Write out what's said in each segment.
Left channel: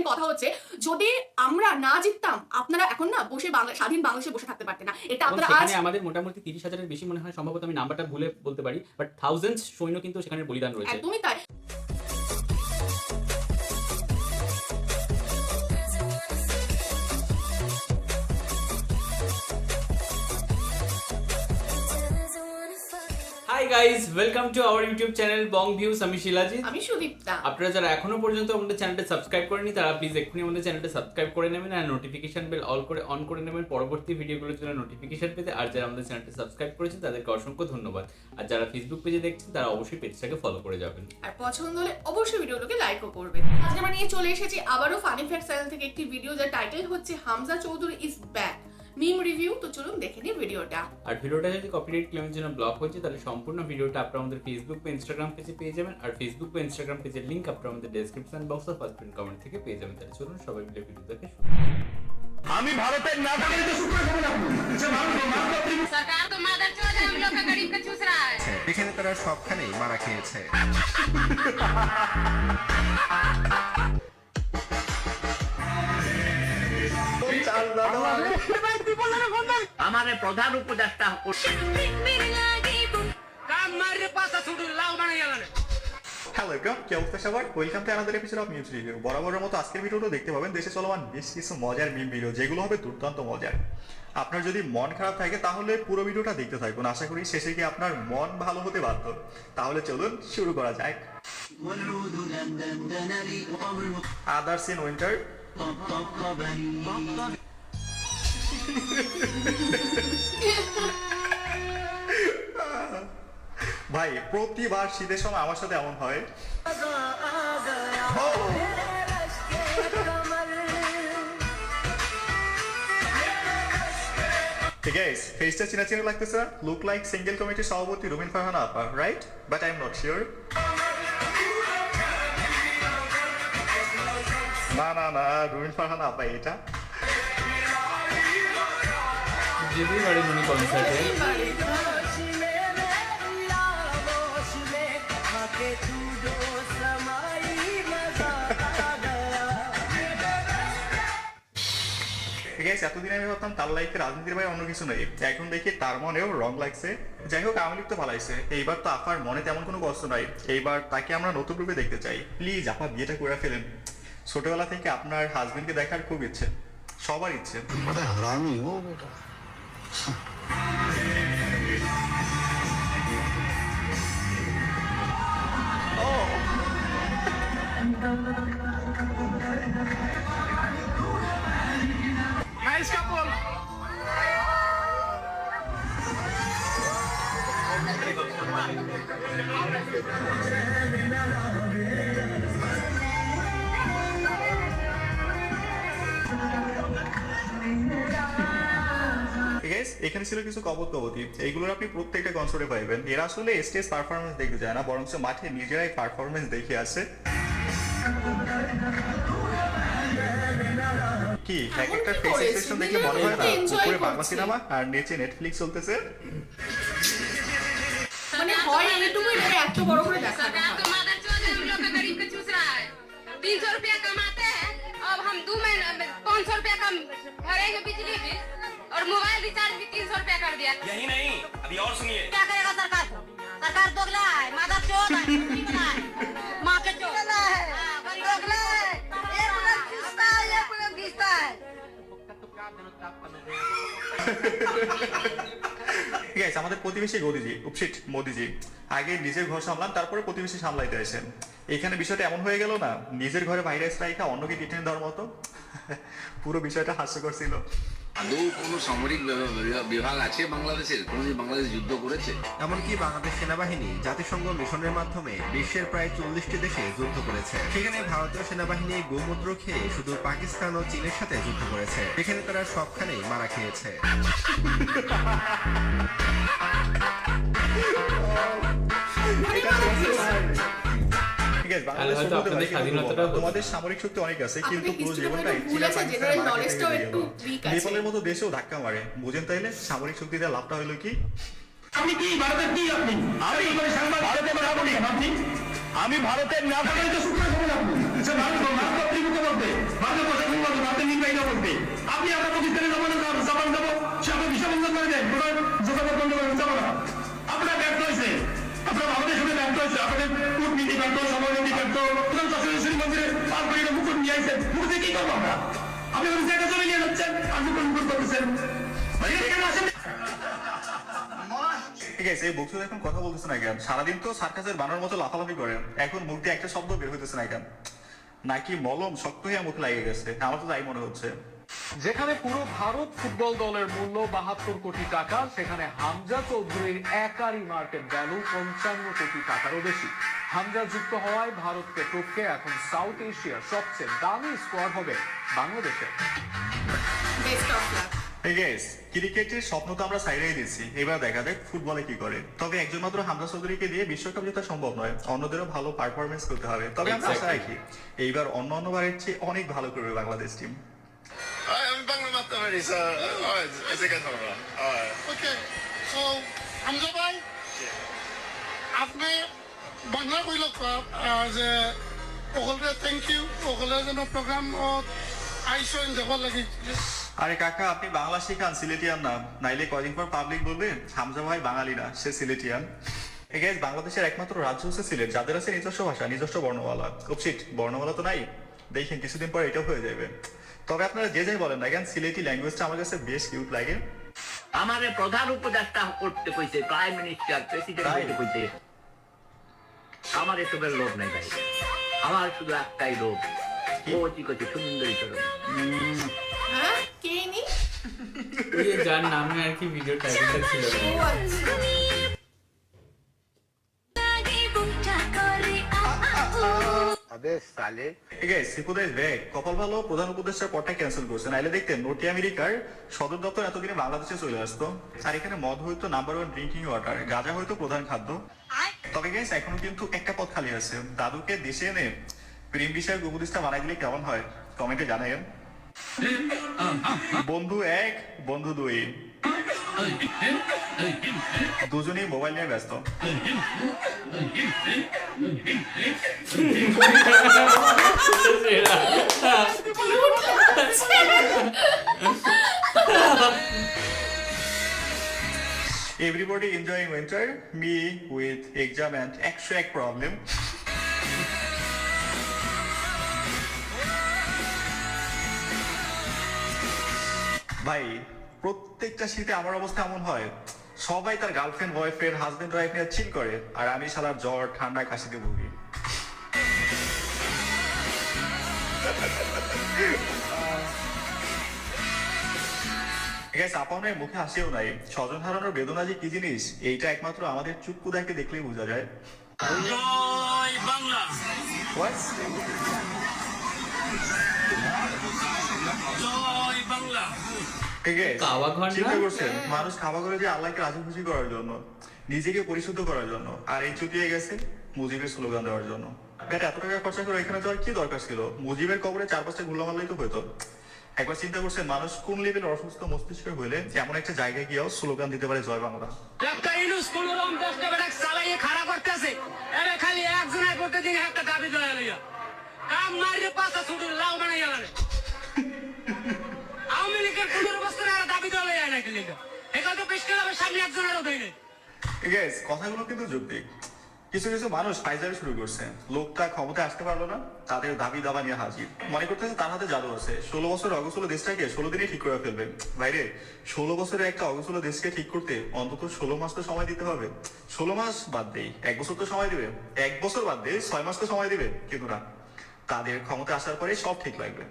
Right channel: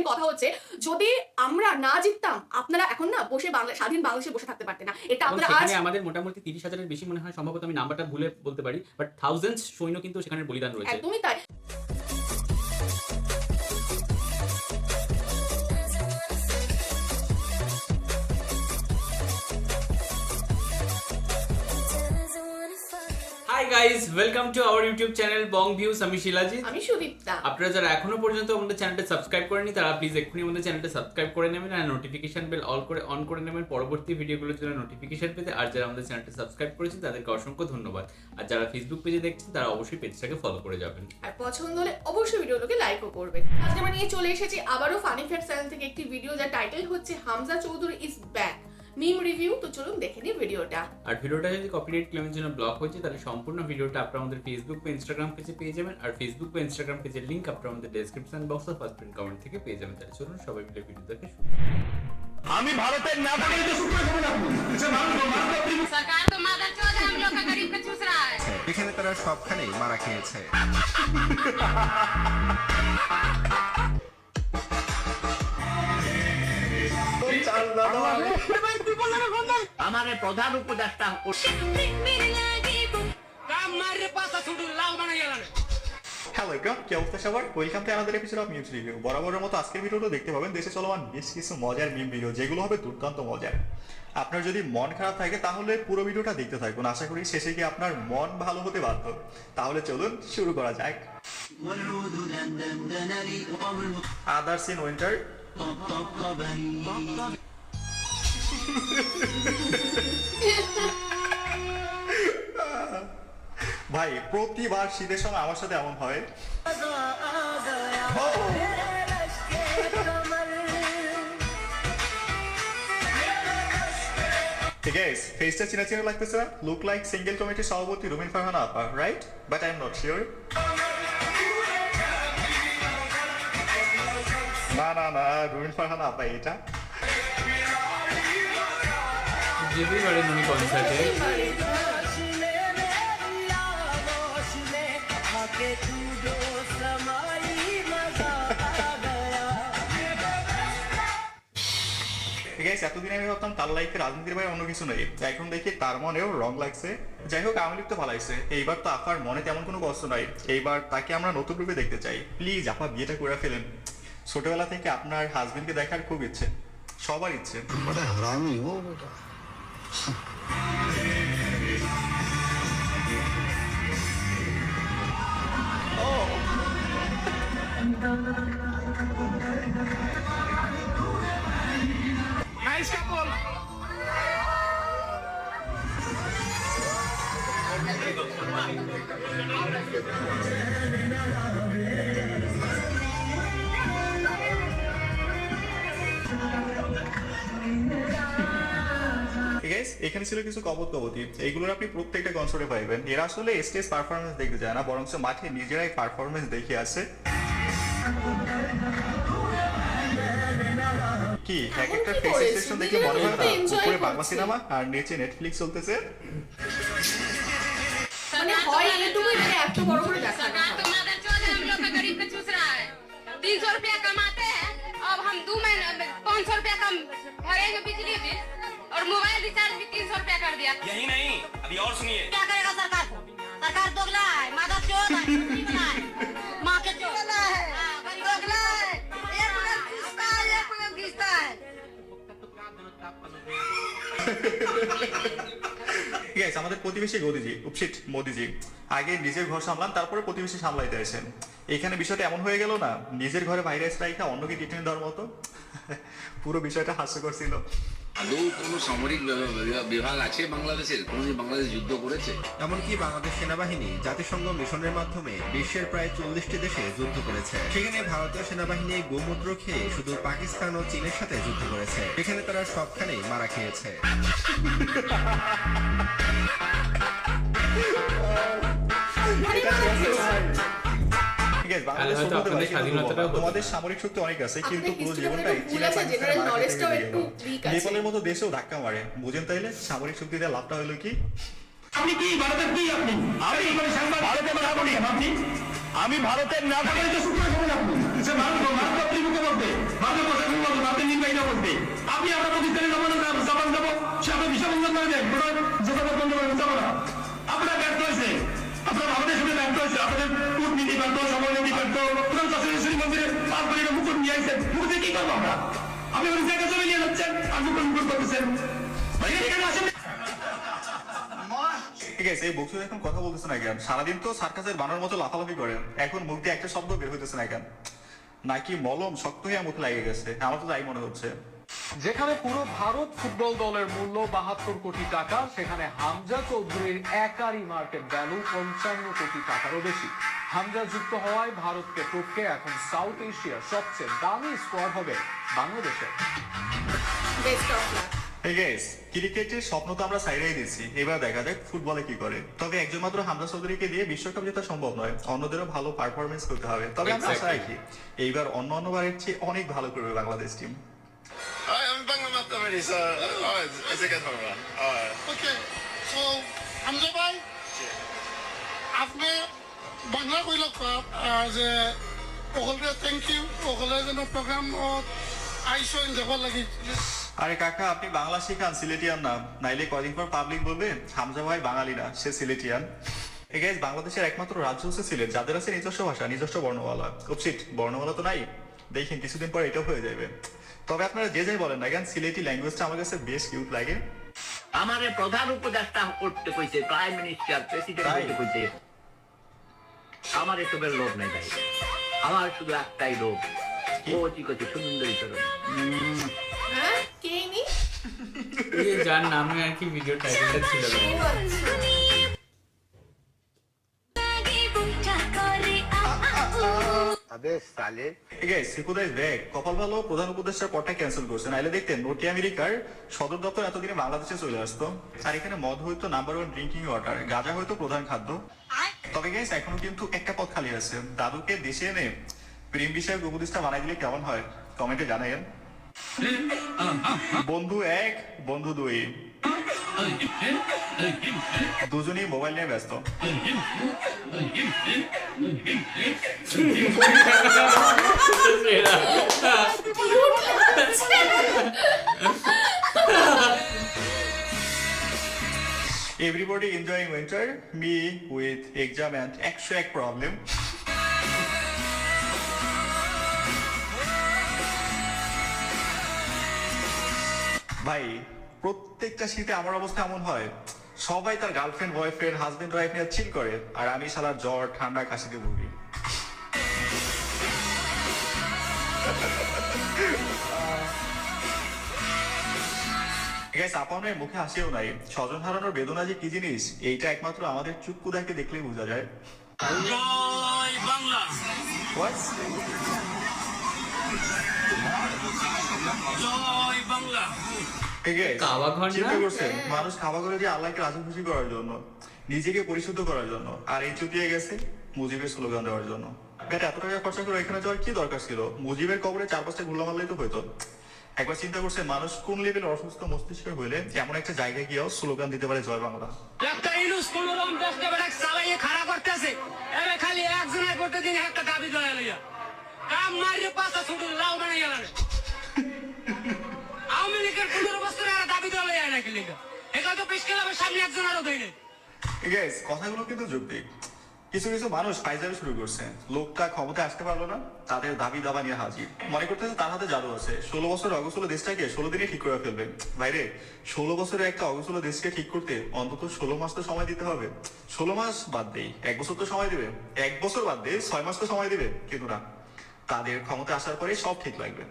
Important কথা হচ্ছে, যদি আমরা না জিততাম আপনারা এখন না বসে স্বাধীন বাংলাদেশে বসে থাকতে পারতেন না। এটা আপনারা আজ সেখানে আমাদের মোটামুটি 30,000-এর বেশি মনে হয়, সম্ভবত আমি নাম্বারটা ভুলে বলতে পারি, বাট থাউজেন্ডস সৈন্য কিন্তু সেখানে বলিদান রয়েছে। একদমই তাই। Hi guys, welcome to our YouTube channel Bong views. আমি শিলাজিৎ, আমি সুদীপ্তা। আপনারা যারা এখনো পর্যন্ত আমাদের চ্যানেলটা সাবস্ক্রাইব করেনি তারা প্লিজ এক্ষুনি আমাদের চ্যানেলটা সাবস্ক্রাইব করে নেবেন আর নোটিফিকেশন বেল অন করে নেবেন পরবর্তী ভিডিওগুলোর জন্য নোটিফিকেশন পেতে। আর যারা আমাদের চ্যানেলটা সাবস্ক্রাইব করেছে তাদেরকে অসংখ্য ধন্যবাদ। আর যারা ফেসবুক পেজে দেখছেন তারা অবশ্যই পেজটাকে ফলো করে যাবেন, আর পছন্দ হলে অবশ্যই ভিডিওটাকে লাইকও করবেন। আজকে আমরা নিয়ে চলে এসেছি আবারও ফানি ফ্যাক্ট চ্যানেল থেকে একটি ভিডিও, যার টাইটেল হচ্ছে Hamza Chowdhury is back meme review. তো চলুন দেখে নিই ভিডিওটা। আর ভিডিওটা যদি কপিরাইট ক্লেমের জন্য ব্লক হয়েছে তাহলে সম্পূর্ণ ভিডিওটা আপনারা আমাদের ফেসবুক বা ইনস্টাগ্রাম পেজে পেয়ে যাবেন। আর ফেসবুক বা ইনস্টাগ্রাম পেজের লিংক আপনারা আমাদের ডেসক্রিপশন বক্স বা ফার্স্ট পিন কমেন্ট থেকে পেয়ে যাবেন। তাহলে চলুন সবাই মিলে ভিডিও দেখে শুরু করি। আমি ভারতের নাগরিক তো শুক্র খবর আপনি যে মানুষ सरकार तो मादरचोद है, हम लोग का गरीब का चूस रहा है। এখানে তারা সবখানেই মারা খেয়েছে। আমাদের প্রধান উপদেষ্টা হ্যালো এভরিওয়ান, কি অবস্থা সবার? Welcome to another episode of news review. বরাবরের মতো আজকের ভিডিওটা দেখতে পাবেন দেশে চলমান বেশ কিছু মজার মিম ভিডিও, যেগুলো হবে দুর্দান্ত মজার। আপনার যদি মন খারাপ থাকে তাহলে পুরো ভিডিওটা দেখতে থাকুন, আশা করি শেষে গিয়ে আপনার মন ভালো হতে বাধ্য। তাহলে চলুন শুরু করা যাক। Others in winter. ভাই প্রতিবার শীতের সময় আমার সাথে এমন হয়। ঠিক আছে, ফেসটা চিনা চিনা লাগতেছে না? লুক লাইক সিঙ্গেল কমিটির সভাপতি রুমিন ফারহানা আপা, right? But I am not sure. না না না, রুমিন ফারহানা আপা এটা। যেতেই পারি মনে কনসার্টে। ঠিক আছে, এতদিন আমি ভাবতাম তার লাইফে রাজনীতির বাইরে অন্য কিছু নেই, এখন দেখি তার মনেও রং লাগছে। যাই হোক, আওয়ামী লীগ তো ভালাইছে, এইবার তো আপার মনে তেমন কোনো কষ্ট নাই। এইবার তাকে আমরা নতুন রূপে দেখতে চাই। প্লিজ আপা বিয়েটা করে ফেলেন। ছোটবেলা থেকে আপনার হাজবেন্ডকে দেখার খুব ইচ্ছে, সবার ইচ্ছে। हरामी हो बेटा। नाइस कपल ঠিক আছে, এখানে ছিল কিছু কবতি, এইগুলোর আপনি প্রত্যেকটা কনসার্টে পাইবেন। এরা আসলে স্টেজ পারফরমেন্স দেখতে যায় না, বরং মাঠে নিজেরাই পারফরমেন্স দেখে আসে। কি এক একটা ফেস এক্সপ্রেশন দেখে মনে হয় না উপরে বাংলা সিনেমা আর নিচে নেটফ্লিক্স চলতেছে। মানে হয় এইটুকুই, মানে এত বড় করে দেখা सरकार तो मादरचोद है, हम लोग का गरीब का चूस रहा है। 300 रुपया कमाते हैं, अब हम 2 महीने 500 रुपया कम भरेंगे बिजली बिल और मोबाइल रिचार्ज भी 300 रुपया कर दिया। यही नहीं, अभी और सुनिए। क्या करेगा सरकार? सरकार दोगला है, मादरचोद है, नहीं बना है, माँ के चोद है, दोगला है। एक मिनट घिसता है, एक मिनट घिसता है। ঠিক আছে, আমাদের প্রতিবেশী মোদিজি আগে নিজের ঘর সামলান, তারপরে প্রতিবেশী সামলাইতে আসেন। এখানে বিষয়টা এমন হয়ে গেল না, নিজের ঘরে ভাইরাস রাইখা অন্যকে ট্রিটমেন্ট দেওয়ার মতো। পুরো বিষয়টা হাস্যকর ছিল। আদৌ কোনো সামরিক বিভাগ আছে বাংলাদেশের? কোনদিন বাংলাদেশ যুদ্ধ করেছে? এমনকি বাংলাদেশ সেনাবাহিনী জাতিসংঘ মিশনের মাধ্যমে বিশ্বের প্রায় 40টি দেশে যুদ্ধ করেছে। সেখানে ভারতীয় সেনাবাহিনী গোমূত্র খেয়ে শুধু পাকিস্তান ও চীনের সাথে যুদ্ধ করেছে। এখানে তারা সবখানেই মারা খেয়েছে। ঠিক আছে, বাংলাদেশ বলতে পারে কিন্তু তোমাদের সামরিক শক্তি অনেক আছে, কিন্তু পুরো জীবনটাই চীনা পাকিস্তানের মারা খেতে গিয়ে গেল। নেপালের মতো দেশেও ধাক্কা মারে, বুঝেন তাইলে তাইলে শক্তি দিয়ে লাভটা হলো কি? আপনি কি ভারতের কি? আপনি আমি ভারতের নাগরিক। আমি ভারতের নাগরিক তো শুক্র খবর আপনি যে মানুষ ত্রিমুখের মধ্যে করতে। আপনি আমরা প্রতিষ্ঠানে জাপান যাবো, সে আপনার ভিসা বন্ধ করে দেন, যোগাযোগ বন্ধ করে যাবো না। আপনারা ব্যর্থ হয়েছে, আপনারা আমাদের সাথে ব্যর্থ হয়েছে, আপনাদের কূটনীতি ব্যর্থ, সমরনীতি ব্যর্থ, প্রধান শাসনেশ্বরী মন্দিরে পাঁচ করে মুকুট নিয়ে আসছেন, মুকুট দিয়ে কি করবো আমরা? আপনি ওই জায়গা জমি নিয়ে যাচ্ছেন, আর মুকুট করতেছেন, এখানে আসেন। ঠিক আছে, এই বক্তৃতা এখন কথা বলতেছে না কেন? সারাদিন তো সার্কাসের বানার মতো লাফালাফি করেন, এখন মুখ দিয়ে একটা শব্দ বের হইতেছে না কেন? নাকি মলম শক্ত হয়ে মুখে লাগে গেছে? আমার তো তাই মনে হচ্ছে। যেখানে পুরো ভারত ফুটবল দলের মূল্য 72 কোটি টাকা, সেখানে হামজা চৌধুরীর একারই মার্কেট ভ্যালু 55 কোটি টাকারও বেশি। হামজা যুক্ত হওয়ায় ভারতকে টপকে এখন সাউথ এশিয়ার সবচেয়ে দামি স্কোয়াড হবে বাংলাদেশে। Best of luck. ঠিক আছে, ক্রিকেটের স্বপ্ন তো আমরা সাইডেই দিচ্ছি, এবার দেখা যাক ফুটবলে কি করে। তবে একজন মাত্র হামজা চৌধুরীকে দিয়ে বিশ্বকাপ জেতা সম্ভব নয়, অন্যদেরও ভালো পারফরমেন্স করতে হবে। তবে আমরা আশা রাখি এইবার অন্যবারের চেয়ে অনেক ভালো করবে Bangladesh team. I'm banging my already, so alright, it's a good one. Alright. Okay, so Hamza bhai, আপনি বাংলা কইল যে সকলে থ্যাংক ইউ, সকলে যেন প্রোগ্রাম আইসো দেখবার লাগি। আরে কাকা, আপনি বাংলা শিখান, সিলেটিয়ান না, নাইলে কদিন পর পাবলিক বলবে হামজা ভাই বাঙালি না, সে সিলেটিয়ান। গাইস, বাংলাদেশের একমাত্র রাজ্য হচ্ছে সিলেট, যাদের আছে নিজস্ব ভাষা, নিজস্ব বর্ণমালা। উপসিট বর্ণমালা তো নাই, দেখেন কিছুদিন পর এটাও হয়ে যাবে। তবে আপনারা যে যাই বলেন না কেন, সিলেটি ল্যাঙ্গুয়েজটা আমার কাছে বেশ কিউট লাগে। আমারে প্রধান উপদেষ্টা করতে কইছে, প্রাইম মিনিস্টার, প্রেসিডেন্ট করতে কইছে। আমার এসবের লোভ নাই ভাই, আমার শুধু একটাই লোভ, ও কি করছে সুন্দরী করো। হ্যাঁ, কে নি? যার নামে আর কি ভিডিও টাইটেলটা ছিল। কপাল ভালো, প্রধান উপদেষ্টার পদটা ক্যান্সেল করছে, নাইলে দেখতেন নটি আমেরিকার সদর দপ্তর এতদিনে বাংলাদেশে চলে আসতো। আর এখানে মদ হয়তো নাম্বার 1 ড্রিঙ্কিং ওয়াটার, গাঁজা হয়তো প্রধান খাদ্য। তবে গাইস, এখনো কিন্তু একটা পদ খালি আছে, দাদুকে দেশে এনে প্রেম বিষয়ক উপদেষ্টা বানাই দিলে কেমন হয় কমেন্টে জানাবেন। বন্ধু 1, বন্ধু 2, দুজনেই মোবাইল নিয়ে ব্যস্ত। Everybody enjoying winter, me with exam and extra problem. ভাই, প্রত্যেকটা শীতে আমার অবস্থা এমন হয়, সবাই তার গার্লফ্রেন্ড, বয়ফ্রেন্ড, হাজবেন্ড, ওয়াইফ নিয়ে চিল করে, আর আমি শালার জ্বর, ঠান্ডা, কাশিতে ভুগি। আপনার মুখে হাসিও নাই, স্বজন হারানোর বেদনা যে কি জিনিস, এইটা একমাত্র আমাদের চুক্কু দেখতে দেখলেই বোঝা যায়। জয় বাংলা, জয় বাংলা। ঠিক আছে, চিন্তা করছেন মানুষ খাওয়া করে যে আল্লাহকে রাজি খুশি করার জন্য, নিজেকে পরিশুদ্ধ করার জন্য, আর এই চুটিয়ে গেছে মুজিবের স্লোগান দেওয়ার জন্য। এত টাকা খরচা করে এখানে যাওয়ার কি দরকার ছিল? মুজিবের কবরে 4-5টা গুলা মারলেই তো হইতো। একবার চিন্তা করছেন মানুষ কোন লেভেলের অসুস্থ মস্তিষ্ক হইলে এমন একটা জায়গায় গিয়েও স্লোগান দিতে পারে জয় বাংলা। ডাক্তার ইউনূস কোন রকম দেশটা বেটা চালাইয়ে খাড়া করতেছে, এরে খালি একজনের করতে দিন একটা দাবি দয়া লইয়া কাম মারিয়ে পাতা ছুটু লাউ বানাইয়া লাগে। আওয়ামী লীগের 15 বছর আর দাবি দয়া লইয়া নাকি লিগা এটা তো পেশ করা সামনে একজনেরও দই নেই। গাইস, কথাগুলো কিন্তু যৌক্তিক। কিছু কিছু মানুষ ফাইজারি শুরু করছে, লোকটা ক্ষমতায় আসতে পারলো না, তাদের দাবি দাবা নিয়ে হাজির, মনে করতেছে তার হাতে জাদু আছে, 16 বছর অগোছলো দেশটাকে 16 দিনে ঠিক করে ফেলবে। ভাইরে, 16 বছরের একটা অগোছলো দেশকে ঠিক করতে অন্তত 16 মাস তো সময় দিতে হবে। 16 মাস বাদ দেই, 1 বছর তো সময় দিবে, 1 বছর বাদ দেই 6 মাস তো সময় দিবে, কিন্তু না, তাদের ক্ষমতা আসার পরে সব ঠিক লাগবে।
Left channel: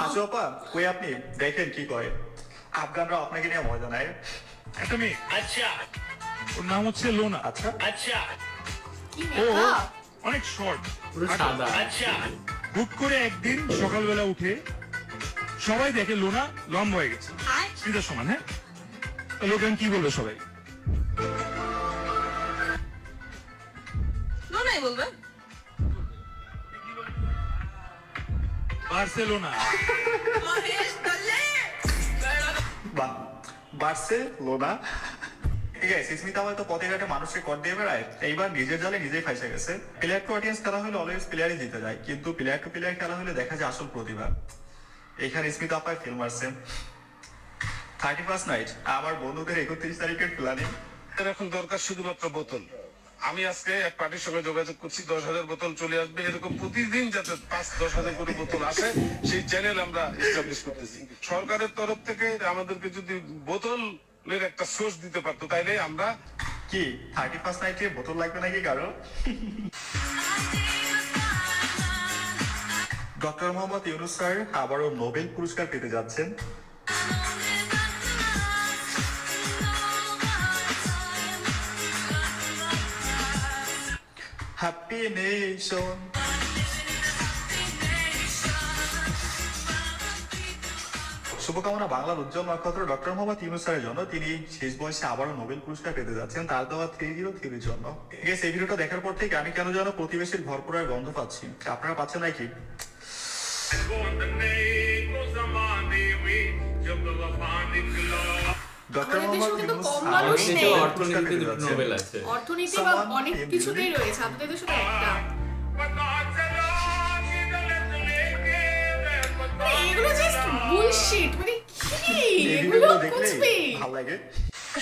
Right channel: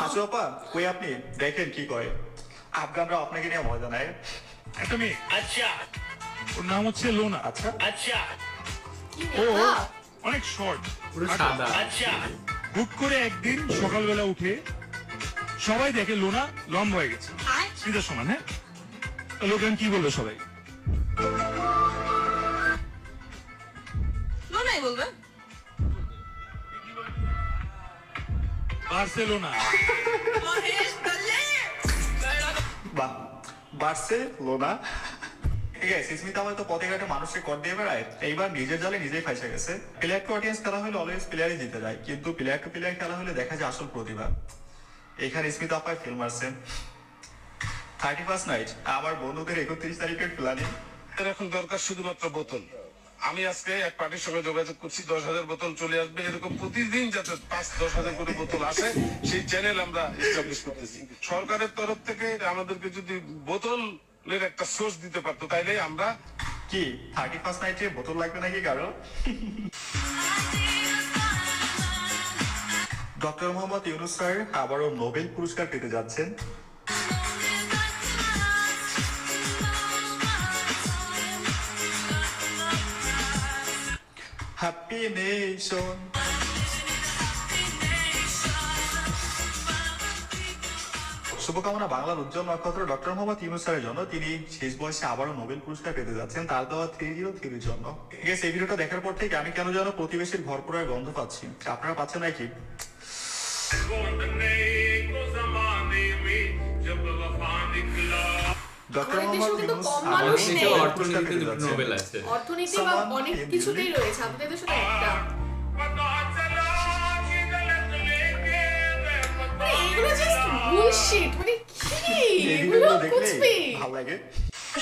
হাসু আপা, কই আপনি? দেখেন কি করে, আফগানরা আপনাকে নিয়ে মজা নেয়। একটা মেয়ে, আচ্ছা, ওর নাম হচ্ছে লোনা। আচ্ছা আচ্ছা, ও অনেক শর্ট, পুরো সাদা। আচ্ছা, হুট করে একদিন সকালবেলা উঠে সবাই দেখে লোনা লম্বা হয়ে গেছে, স্মিতার সমান। হ্যাঁ, লোক কি বলবে সবাই? লোনাই বলবে। বার্সেলোনা। বার্সেলোনা। ঠিক আছে, স্মিতা হয়তো পথে ঘাটে মানুষকে কর দিয়ে বেড়ায়, এইবার নিজের জালে নিজেই ফাইসে গেছে। প্লেয়ার টু অডিয়েন্স খেলা হলে অলওয়েজ প্লেয়ারই জিতে যায়, কিন্তু প্লেয়ার টু প্লেয়ার খেলা হলে দেখা যায় আসল প্রতিভা। এখানে স্মিতা আপায় ফিল্ম মারছে। 31st নাইট, আমার বন্ধুদের 31 তারিখের প্ল্যানিং। এখন দরকার শুধুমাত্র বোতল। আমি আজকে এক পার্টির সঙ্গে যোগাযোগ করছি, 10,000 বোতল চলে আসবে, এরকম প্রতিদিন যাতে 5-10,000 করে বোতল আসে সেই চ্যানেল আমরা এস্টাবলিশ করতেছি। সরকারের তরফ থেকে আমাদেরকে যদি বোতলের একটা সোর্স দিতে পারতো তাইলে আমরা কি 31st নাইটে বোতল লাগবে নাকি কারো? ডক্টর মোহাম্মদ ইউনূস স্যার আবারও নোবেল পুরস্কার পেতে যাচ্ছেন। Happy nation. শুভকামনা বাংলার উজ্জ্বল নক্ষত্র ডক্টর মোহাম্মদ ইউনূস স্যারের জন্য। তিনি শেষ বয়সে আবারও নোবেল পুরস্কার পেতে যাচ্ছেন তার দেওয়া 303 জন্য। এই ভিডিওটা দেখার পর থেকে আমি কেন যেন প্রতিবেশীর ঘর পোড়ার গন্ধ পাচ্ছি। আপনারা পাচ্ছেন নাকি? ডক্টর মোহাম্মদ ইউনূস অর্থনীতি বা অনেক কিছুতেই রয়েছে, আপনাদের শুধু একটা এগুলো জাস্ট বুলশিট, মানে কি এগুলো কুছবি। ভালো লাগে।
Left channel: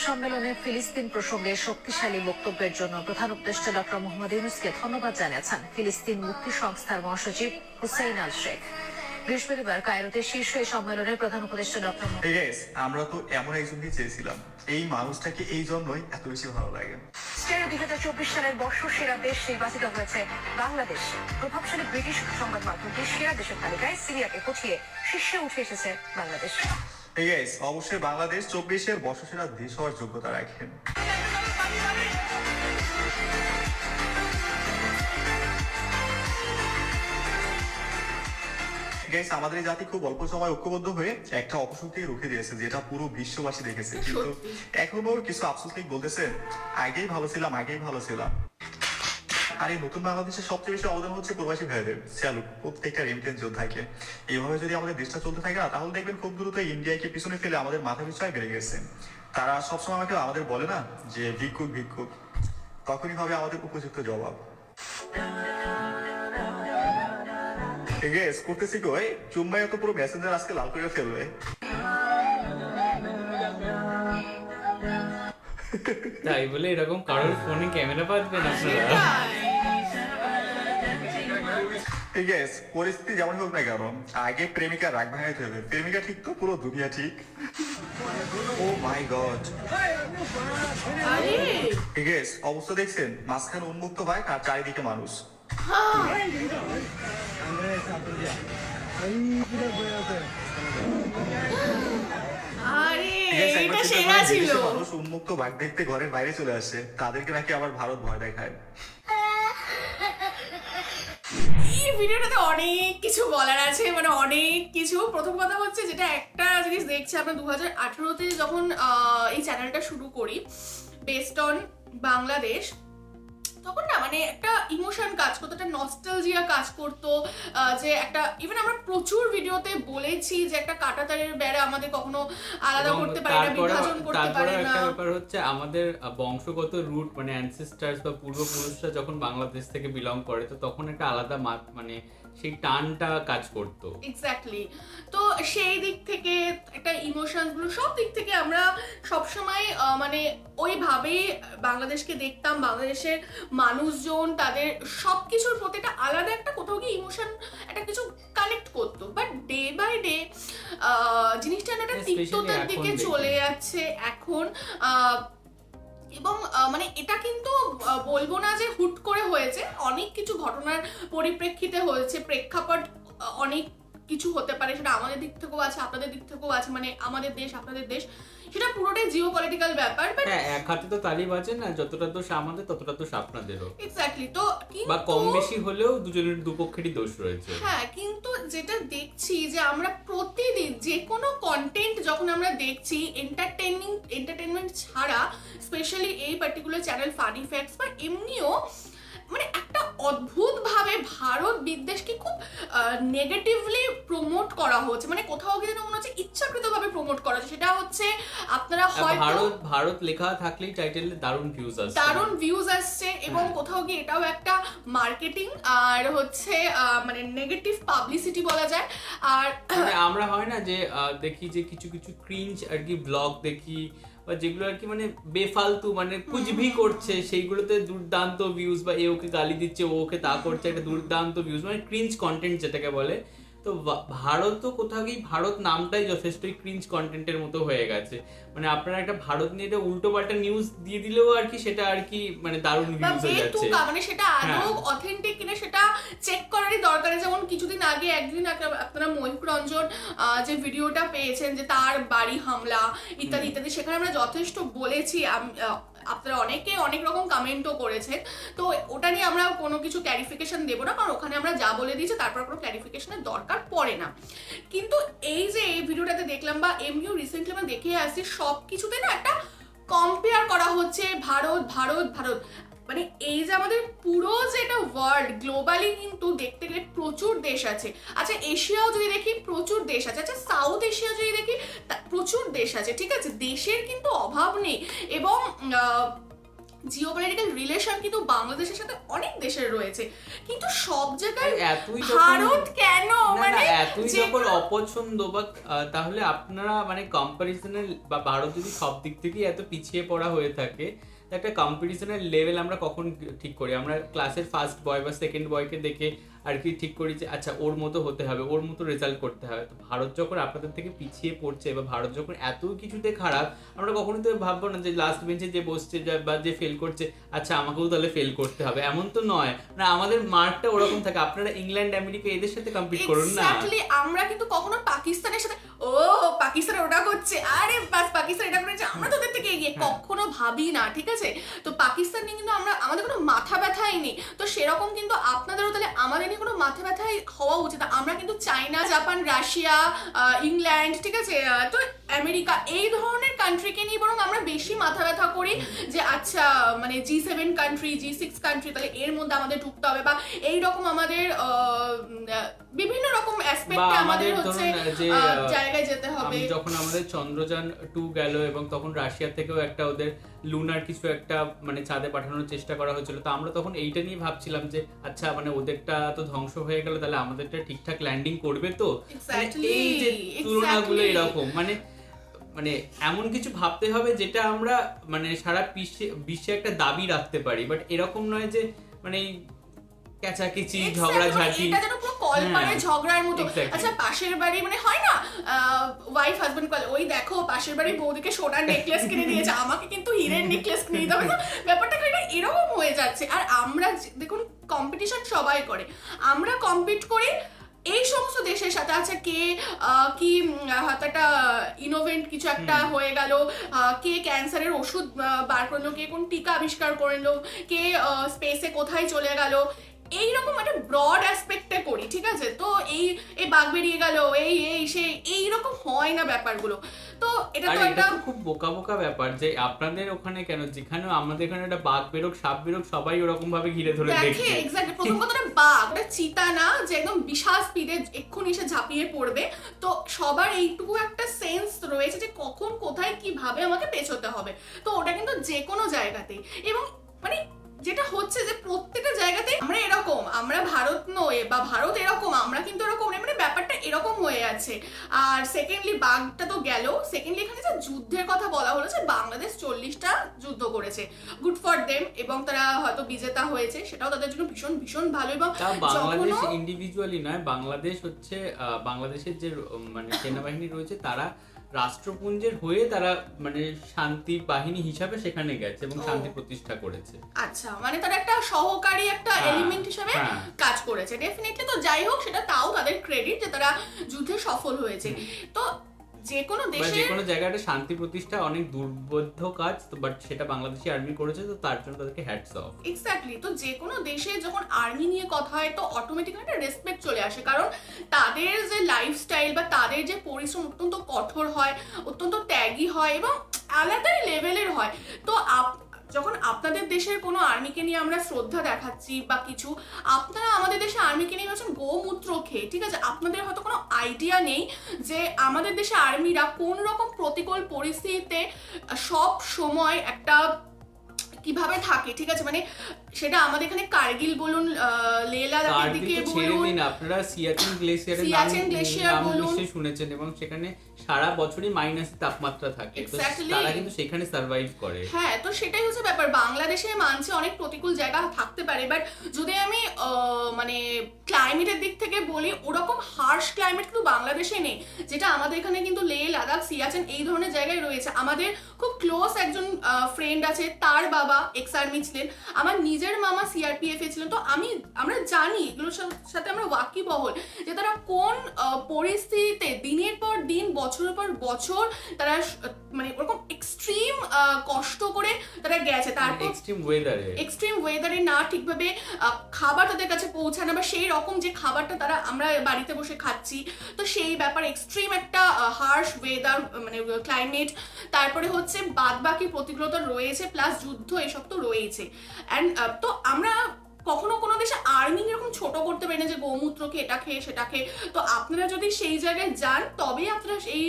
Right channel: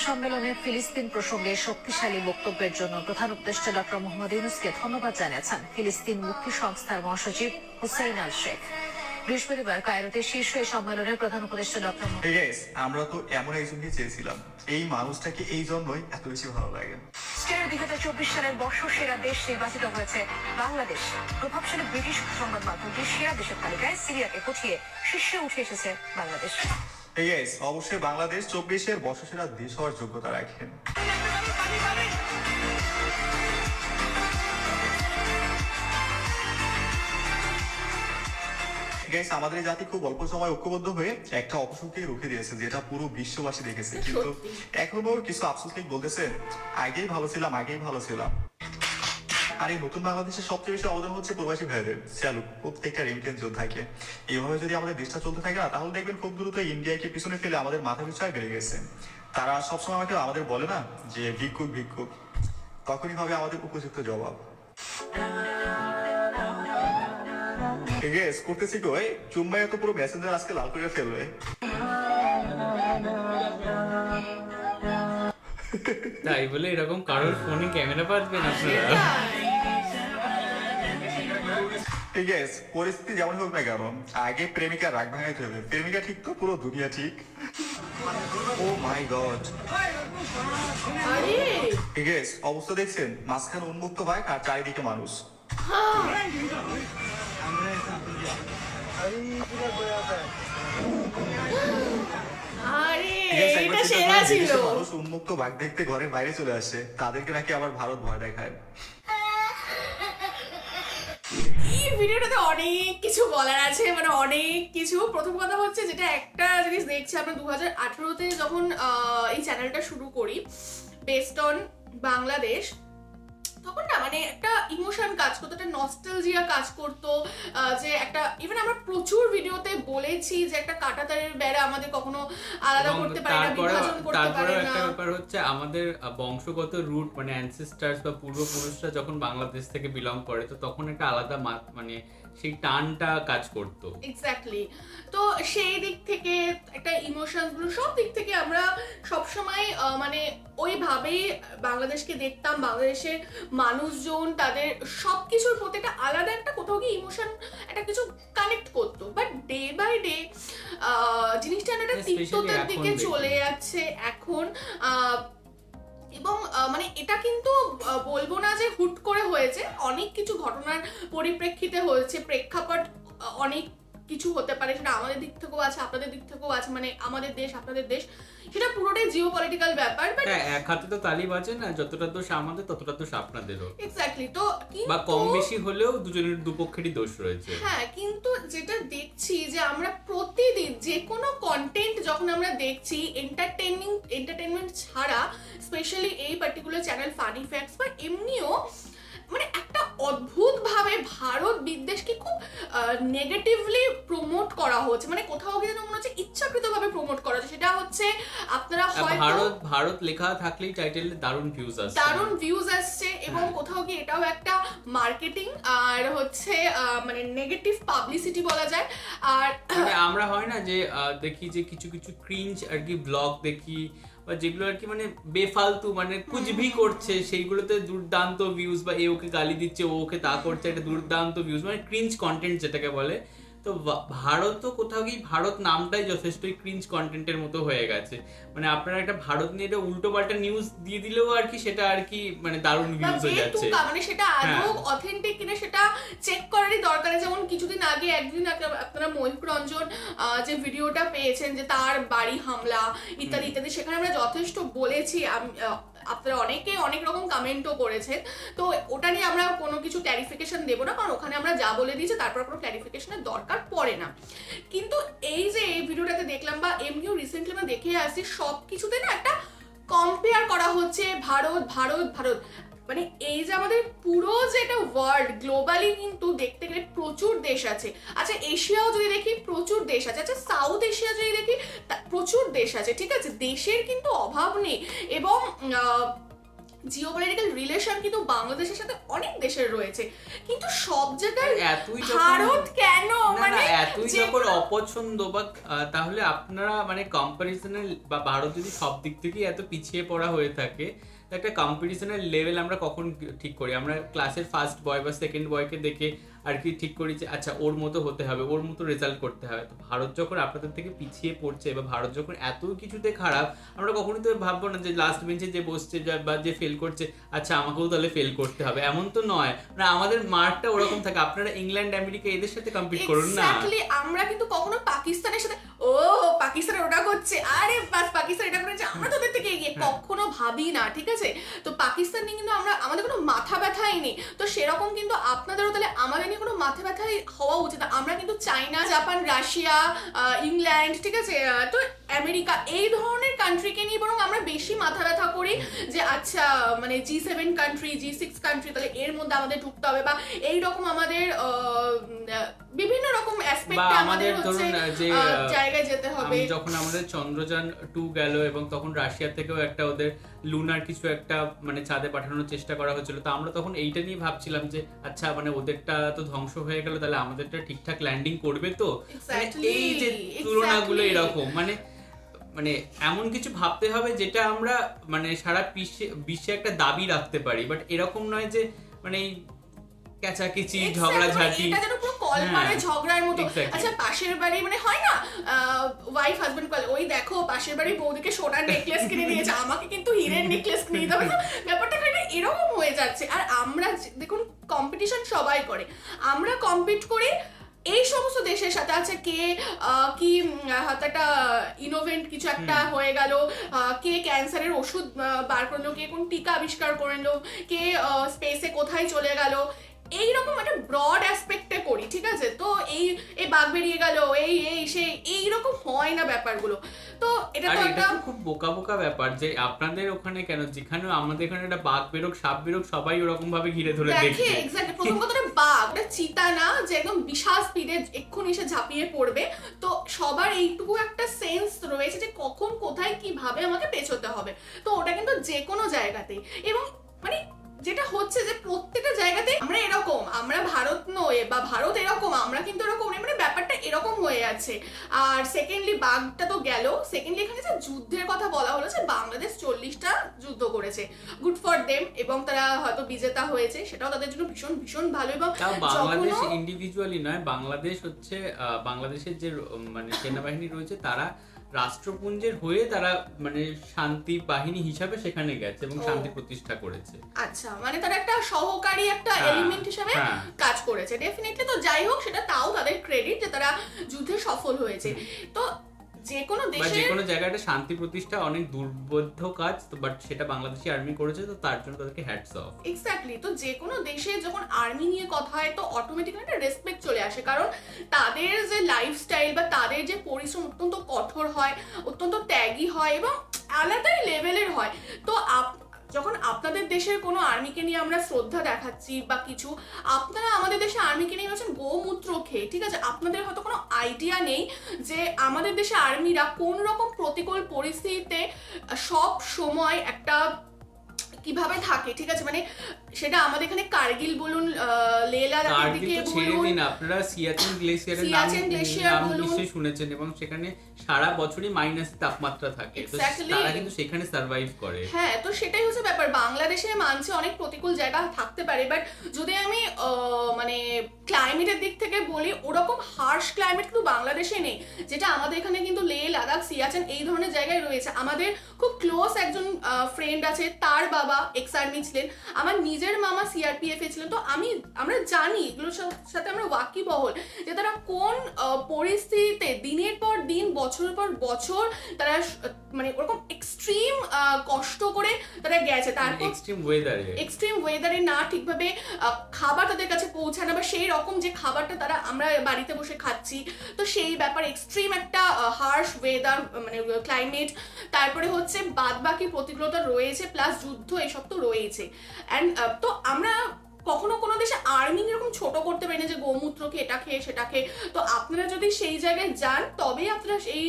সম্মেলনে ফিলিস্তিন প্রসঙ্গে শক্তিশালী বক্তব্যের জন্য প্রধান উপদেষ্টা ডক্টর মোহাম্মদ ইউনূসকে ধন্যবাদ জানিয়েছেন ফিলিস্তিন মুক্তি সংস্থার মহাসচিব হুসাইন আল শেখ। বৃহস্পতিবার কায়রোতে শীর্ষ এই সম্মেলনে প্রধান উপদেষ্টা ডক্টর আমরা তো এমন একজনকে চেয়েছিলাম, এই মানুষটাকে এই জন্যই এত বেশি ভালো লাগে। 2024 সালের বর্ষসেরা দেশ নির্বাচিত হয়েছে বাংলাদেশ। প্রভাবশালী ব্রিটিশ সংবাদ মাধ্যমটি সেরা দেশের তালিকায় সিরিয়াকে পৌঁছিয়ে শীর্ষে উঠে এসেছে বাংলাদেশ। অবশ্যই বাংলাদেশ 24-এর বর্ষসেরা দেশ হওয়ার যোগ্যতা রাখেন। আমাদের জাতি খুব অল্প সময় ঐক্যবদ্ধ হয়ে একটা অপশক্তিকে রুখে দিয়েছে, যেটা পুরো বিশ্ববাসী দেখেছে। কিন্তু এখনো কিছু আফসোস বলতেছে আগেই ভালো ছিলাম, আগেই ভালো ছিলাম। আর এই নতুন বাংলাদেশের সবচেয়ে বেশি অবদান হচ্ছে প্রবাসী ভাইদের। চালু প্রত্যেকটা রেমিটেন্স যোদ্ধাকে। এইভাবে যদি আমাদের দেশটা চলতে থাকে না, তাহলে দেখবেন খুব দ্রুত ইন্ডিয়াকে পিছনে ফেলে আমাদের মাথা পিছায় বেড়ে গেছে। তারা সবসময় আমাদের বলে না যে ভিক্ষুক ভিক্ষুক, তখনই হবে আমাদের উপযুক্ত জবাব। করতেছি গো, চুম্বাই তো পুরো মেসেঞ্জার আজকে লাল করে ফেলবে। তাই বলে এরকম কারোর ফোনে ক্যামেরা পাচ্বেন আপনারা? পরিস্থিতি যেমন হোক না কেন, আগে প্রেমিকা রাগ ভাঙাইতে হবে। প্রেমিকা ঠিক তো পুরো দুনিয়া ঠিক। ও মাই গড, অবস্থা দেখছেন? মাঝখানে উন্মুক্ত বাইক আর চারিদিকে মানুষ। মানুষ উন্মুক্ত বাঘ দেখতে ঘরের বাইরে চলে আসে, তাদেরকে নাকি আবার ভারত ভয় দেখায়। এই ভিডিওটাতে অনেক কিছু বলার আছে, মানে অনেক কিছু। প্রথম কথা হচ্ছে, যেটা একটা জিনিস দেখছি আমরা 2018-তে যখন এই চ্যানেলটা শুরু করি বেসড অন বাংলাদেশ, তখন না মানে একটা ইমোশন কাজ করতো, একটা নস্টালজিয়া কাজ করতো। যে একটা ইভেন আমরা প্রচুর ভিডিওতে বলেছি যে একটা কাঁটাতারের বেড়া আমাদের কখনো আলাদা করতে পারে না, বিভাজন করতে পারে না। একটা ব্যাপার হচ্ছে আমাদের বংশগত রুট, মানে অ্যানসেস্টার্স বা পূর্বপুরুষরা যখন বাংলাদেশ থেকে বিলং করে, তো তখন একটা আলাদা মানে সেই টানটা কাজ করতো। এক্স্যাক্টলি। তো সেই দিক থেকে একটা ইমোশনস গুলো সব দিক থেকে আমরা সবসময় মানে ওইভাবেই বাংলাদেশকে দেখতাম। বাংলাদেশের মানুষজন তাদের সবকিছুর প্রতি একটা আলাদা একটা কোথাও গিয়ে ইমোশন একটা কিছু কানেক্ট করতো। বাট ডে বাই ডে জিনিসটা একটা তিক্ততার দিকে চলে যাচ্ছে এখন। এবং মানে এটা কিন্তু বলবো না যে হুট করে হয়েছে, অনেক কিছু ঘটনার পরিপ্রেক্ষিতে হয়েছে। প্রেক্ষাপট অনেক কিছু হতে পারে, সেটা আমাদের দিক থেকেও আছে, আপনাদের দিক থেকেও আছে। মানে আমাদের দেশ আপনাদের দেশ, সেটা পুরোটাই জিও পলিটিক্যাল ব্যাপার। হ্যাঁ, এক হাতে তো তালি বাজে না, যতটা দোষ আমাদের ততটা দোষ আপনাদেরও। এক্স্যাক্টলি। তো বা কম বেশি হলেও দুজনের দুপক্ষেরই দোষ রয়েছে। হ্যাঁ, কিন্তু যেটা দেখছি যে আমরা প্রতিদিন যে কোনো কন্টেন্ট যখন আমরা দেখছি, এন্টারটেনমেন্ট ছাড়া, স্পেশালি এই পার্টিকুলার চ্যানেল ফানি ফ্যাক্টস বা এমনিও, মানে একটা অদ্ভুত ভাবে ভারত বিদ্বেষকে খুব নেগেটিভলি প্রমোট করা হচ্ছে। মানে কোথাও গিয়ে মনে হচ্ছে ইচ্ছাকৃতভাবে প্রমোট করা হচ্ছে। সেটা হচ্ছে আপনারা হয়তো ভারত লেখা থাকলেই টাইটেলে দারুণ ভিউজ আসছে, দারুণ ভিউজ আসছে, এবং কোথাও গিয়ে এটাও একটা মার্কেটিং আর হচ্ছে মানে নেগেটিভ পাবলিসিটি বলা যায়। আর মানে আমরা হয় না যে দেখি যে কিছু কিছু ক্রিঞ্জ আর কি ব্লগ দেখি, বা যেগুলো আর কি মানে বেফালতু মানে কুচবি করছে, সেইগুলোতে দুর্দান্ত ভিউজ, বা এ ওকে গালি দিচ্ছে, ও ওকে তা করছে, একটা দুর্দান্ত ভিউজ, মানে ক্রিঞ্জ কন্টেন্ট যেটাকে বলে। তো ভারত তো কোথাও গিয়ে ভারত নামটাই যথেষ্টই ক্রিঞ্জ কন্টেন্টের মতো হয়ে গেছে। মানে আপনারা একটা ভারত নিয়ে একটা উল্টো পাল্টা নিউজ দিয়ে দিলেও আর কি সেটা আর কি মানে দারুণ ভিউজ হয়ে যাচ্ছে, মানে সেটা আদৌ অথেন্টিক কিনা সেটা চেক করারই দরকার। যেমন কিছুদিন আগে একদিন আপনারা ময়ূক রঞ্জন যে ভিডিওটা পেয়েছেন যে তার বাড়ি হামলা ইত্যাদি ইত্যাদি, সেখানে আমরা যথেষ্ট বলেছি, আপনারা অনেকে অনেক রকম কমেন্টও করেছেন। তো ওটা নিয়ে আমরা কোনো কিছু ক্ল্যারিফিকেশন দেবো না, কারণ ওখানে আমরা যা বলে দিয়েছি তারপর কোনো ক্ল্যারিফিকেশনের দরকার পড়ে না। কিন্তু এই যে এই ভিডিওটাতে দেখলাম বা এমনিও রিসেন্টলি আমরা দেখে আসছি, সব কিছুতে না একটা কম্পেয়ার করা হচ্ছে ভারত ভারত ভারত। মানে এই যে আমাদের পুরো যে একটা ওয়ার্ল্ড গ্লোবালি কিন্তু দেখতে গেলে প্রচুর দেশ আছে। আচ্ছা এশিয়াও যদি দেখি প্রচুর দেশ আছে, আচ্ছা সাউথ এশিয়া যদি দেখি প্রচুর দেশ আছে, ঠিক আছে, দেশের কিন্তু অভাব নেই। এবং জিওপলিটিক্যাল রিলেশন কিন্তু বাংলাদেশের সাথে অনেক দেশের রয়েছে, কিন্তু সব জায়গায় ভারত কেন মানে এতই যখন অপছন্দ বা তাহলে আপনারা মানে কম্পারিজনের বা ভারত যদি সব দিক থেকেই এত পিছিয়ে পড়া হয়ে থাকে, একটা কম্পিটিশনের লেভেল আমরা কখন ঠিক করি? আমরা ক্লাসের ফার্স্ট বয় বা সেকেন্ড বয়কে দেখে আর কি ঠিক করি যে আচ্ছা ওর মতো হতে হবে, ওর মতো রেজাল্ট করতে হবে। তো ভারত যখন আপনাদের থেকে পিছিয়ে পড়ছে বা ভারত যখন এত কিছুতে খারাপ, আমরা কখনোই তো ভাববো না যে লাস্ট বেঞ্চে যে বসছে বা যে ফেল করছে আচ্ছা আমাকেও তাহলে ফেল করতে হবে, এমন তো নয়। মানে আমাদের মার্কটা ওরকম থাকে। আপনারা ইংল্যান্ড আমেরিকা এদের সাথে কম্পিট করুন না। আমরা কিন্তু কখনো পাকিস্তানের সাথে ও পাকিস্তান ওটা করছে, আরে বাস পাকিস্তান এটা করেছে আমরা তোদের থেকে এগিয়ে, কখনো ভাবি না, ঠিক আছে। তো পাকিস্তান নিয়ে কিন্তু আমাদের কোনো মাথা ব্যথাই নেই। তো সেরকম কিন্তু আপনাদেরও তাহলে আমাদের নিয়ে কোনো মাথা ব্যথাই হওয়া উচিত। আমরা কিন্তু চায়না, জাপান, রাশিয়া, ইংল্যান্ড, ঠিক আছে, তো আমেরিকা, এই ধরনের কান্ট্রিকে নিয়ে বরং আমরা বেশি মাথা ব্যথা করি যে আচ্ছা মানে G7 কান্ট্রি, G6 কান্ট্রি, তাহলে এর মধ্যে আমাদের ঢুকতে হবে, বা এইরকম আমাদের বিভিন্ন রকম অ্যাসপেক্টে আমাদের হচ্ছে জায়গায় যেতে হবে। যখন আমাদের চন্দ্রযান 2 গেল এবং তখন রাশিয়া থেকেও একটা ওদের লুনার কিছু একটা মানে চাঁদে পাঠানোর চেষ্টা করা হয়েছিল, তো আমরা তখন এইটা নিয়ে ভাবছিলাম যে আচ্ছা মানে ওদেরটা তো ধ্বংস হয়ে গেল, তাহলে আমাদেরটা ঠিকঠাক ল্যান্ডিং করবে তো। মানে এই যে তুলনাগুলো এরকম মানে মানে এমন কিছু ভাবতে হবে যেটা আমরা মানে সারা বিশ্বে একটা দাবি রাখতে পারি, বাট এরকম নয় যে মানে ক্যাচাকিচি ঝগড়াঝাটি, এটা যেন পুরো কলপাড়ায় ঝগড়ার মতো। আচ্ছা পাশের বাড়ি মানে হয় না ওয়াইফ হাজবেন্ড কল, ওই দেখো পাশের বাড়ি বৌদিকে সোনার নেকলেস কিনে দিয়েছে, আমাকে কিন্তু হীরের নেকলেস কিনে দিতে হবে। ব্যাপারটা এটা এরকম হয়ে যাচ্ছে। আর আমরা দেখুন কম্পিটিশন সবাই করে, আমরা কম্পিট করি এই সমস্ত দেশের সাথে। আছে কে কি হয়তো একটা ইনোভেন্ট কিছু একটা হয়ে গেল, কে ক্যান্সারের ওষুধ বার করলো, কে কোন টিকা আবিষ্কার করলো, কে স্পেসে কোথায় চলে গেল, এইরকম একটা ব্রড অ্যাসপেক্টে করি, ঠিক আছে। তো এই বাঘ বেরিয়ে গেল, সেই এইরকম হয় না ব্যাপারগুলো। তো এটা তো একটা খুব বোকা বোকা ব্যাপার যে আপনাদের ওখানে কেন, যেখানে আমাদের এখানে একটা বাঘ বেরোক সাপ বেরোক সবাই ওরকম ভাবে ঘিরে ধরে দেখছে। এক্স্যাক্টলি, প্রথম কথাটা বাঘ ওটা চিতা না যে একদম বিশাল স্পিডে এক্ষুনি এসে ঝাঁপিয়ে পড়বে। তো সবার এইটুকু একটা সেন্স রয়েছে যে কখন কোথায় কিভাবে আমাকে পেছোতে হবে। তো ওটা কিন্তু যে কোনো জায়গাতেই, এবং মানে যেটা হচ্ছে যে প্রত্যেকটা জায়গাতে আমরা এরকম, আমরা ভারত নয় বা ভারত এরকম, আমরা কিন্তু এরকম, মানে ব্যাপারটা এরকম হয়ে আছে। আর সেকেন্ডলি বাঘটা তো গেল, সেকেন্ডলি এখানে যে যুদ্ধের কথা বলা হলো যে বাংলাদেশ 40টা যুদ্ধ করেছে, গুড ফর দেম, এবং তারা হয়তো বিজেতা হয়েছে, সেটাও তাদের জন্য ভীষণ ভীষণ ভালো। এবং বাংলাদেশ ইন্ডিভিজুয়ালি নয়, বাংলাদেশ হচ্ছে বাংলাদেশের যে মানে সেনাবাহিনী রয়েছে তারা রাষ্ট্রপুঞ্জের হয়ে তারা মানে শান্তি বাহিনী হিসাবে সেখানে গেছে এবং শান্তি প্রতিষ্ঠা করেছে। আচ্ছা মানে তারা একটা সহকারী একটা এলিমেন্ট হিসেবে কাজ করেছে ডেফিনেটলি। তো যাই হোক সেটা তাও তাদের ক্রেডিট যে তারা যুদ্ধে সফল হয়েছে। তো যে কোনো দেশে যে কোনো জায়গাটা শান্তি প্রতিষ্ঠা অনেক দুর্বোধ্য কাজ, তো বাট সেটা বাংলাদেশি আর্মি করেছে, তো তার জন্য তাদেরকে হ্যাটস অফ। এক্স্যাক্টলি, তো যে কোনো দেশে যখন আর্মি নিয়ে কথা হয় তো অটোমেটিক্যালি একটা রেসপেক্ট চলে আসে, কারণ তাদের যে লাইফস্টাইল বা তাদের যে পরিশ্রম অত্যন্ত কঠোর হয়, অত্যন্ত ত্যাগী হয় এবং আলাদাই লেভেলের হয়। তো যখন আপনাদের দেশের কোনো আর্মিকে নিয়ে আমরা শ্রদ্ধা দেখাচ্ছি বা কিছু, আপনারা আমাদের দেশে আর্মিকে নিয়ে বলছেন গোমূত্র খেয়ে, ঠিক আছে? আপনাদের হয়তো কোনো আইডিয়া নেই যে আমাদের দেশে আর্মিরা কোন রকম প্রতিকূল পরিস্থিতিতে সব সময় একটা কিভাবে থাকে, ঠিক আছে? মানে সেটা আমাদের এখানে কার্গিল বলুন, লেহ লাদাখের দিকে ছেড়ে বলুন, দিন, আপনারা সিয়াচেন গ্লেসিয়ারের সিয়াচেন গ্লেশিয়ার নাম বলুন। নিশ্চয়ই শুনেছেন, এবং সেখানে সারা বছরই মাইনাস তাপমাত্রা থাকে, তো Exactly. তারা কিন্তু সেখানে সার্ভাইভ করে। হ্যাঁ, তো সেটাই হচ্ছে ব্যাপার। বাংলাদেশে মানছে অনেক প্রতিকূল জায়গা থাকতে পারে, বাট যদি আমি মানে ক্লাইমেটের দিক থেকে বলি, ওরকম হার্শ ক্লাইমেট কিন্তু বাংলাদেশে নেই, যেটা আমাদের এখানে কিন্তু লেহ লাদাখ সিয়াচেন এই ধরনের জায়গায় রয়েছে। আমাদের খুব ক্লোজ একজন ফ্রেন্ড আছে, তার বাবা এক্স আর্মি ছিলেন, আমার নিজের মামা সিআরপিএফ এ ছিলেন, তো আমরা জানি এগুলোর সাথে আমরা ওয়াকিবহল যে তারা কোন পরিস্থিতিতে দিনের পর দিন বছরের পর বছর তারা মানে ওরকম এক্সট্রিম কষ্ট করে তারা গেছে, তারপর এক্সট্রিম ওয়েদারে না ঠিকভাবে খাবার তাদের কাছে পৌঁছায় না, বা সেই রকম যে খাবারটা তারা আমরা বাড়িতে বসে খাচ্ছি, তো সেই ব্যাপার এক্সট্রিম একটা হার্শ ওয়েদার মানে ক্লাইমেট, তারপরে হচ্ছে বাদবাকি প্রতিকূলতা রয়েছে, প্লাস যুদ্ধ এসব তো রয়েছে। অ্যান্ড তো আমরা কখনো কোনো দেশে আর্মি এরকম ছোট করতে পারি না যে গোমূত্রকে এটা খেয়ে সেটা খেয়ে। তো আপনারা যদি সেই জায়গায় যান তবেই আপনারা এই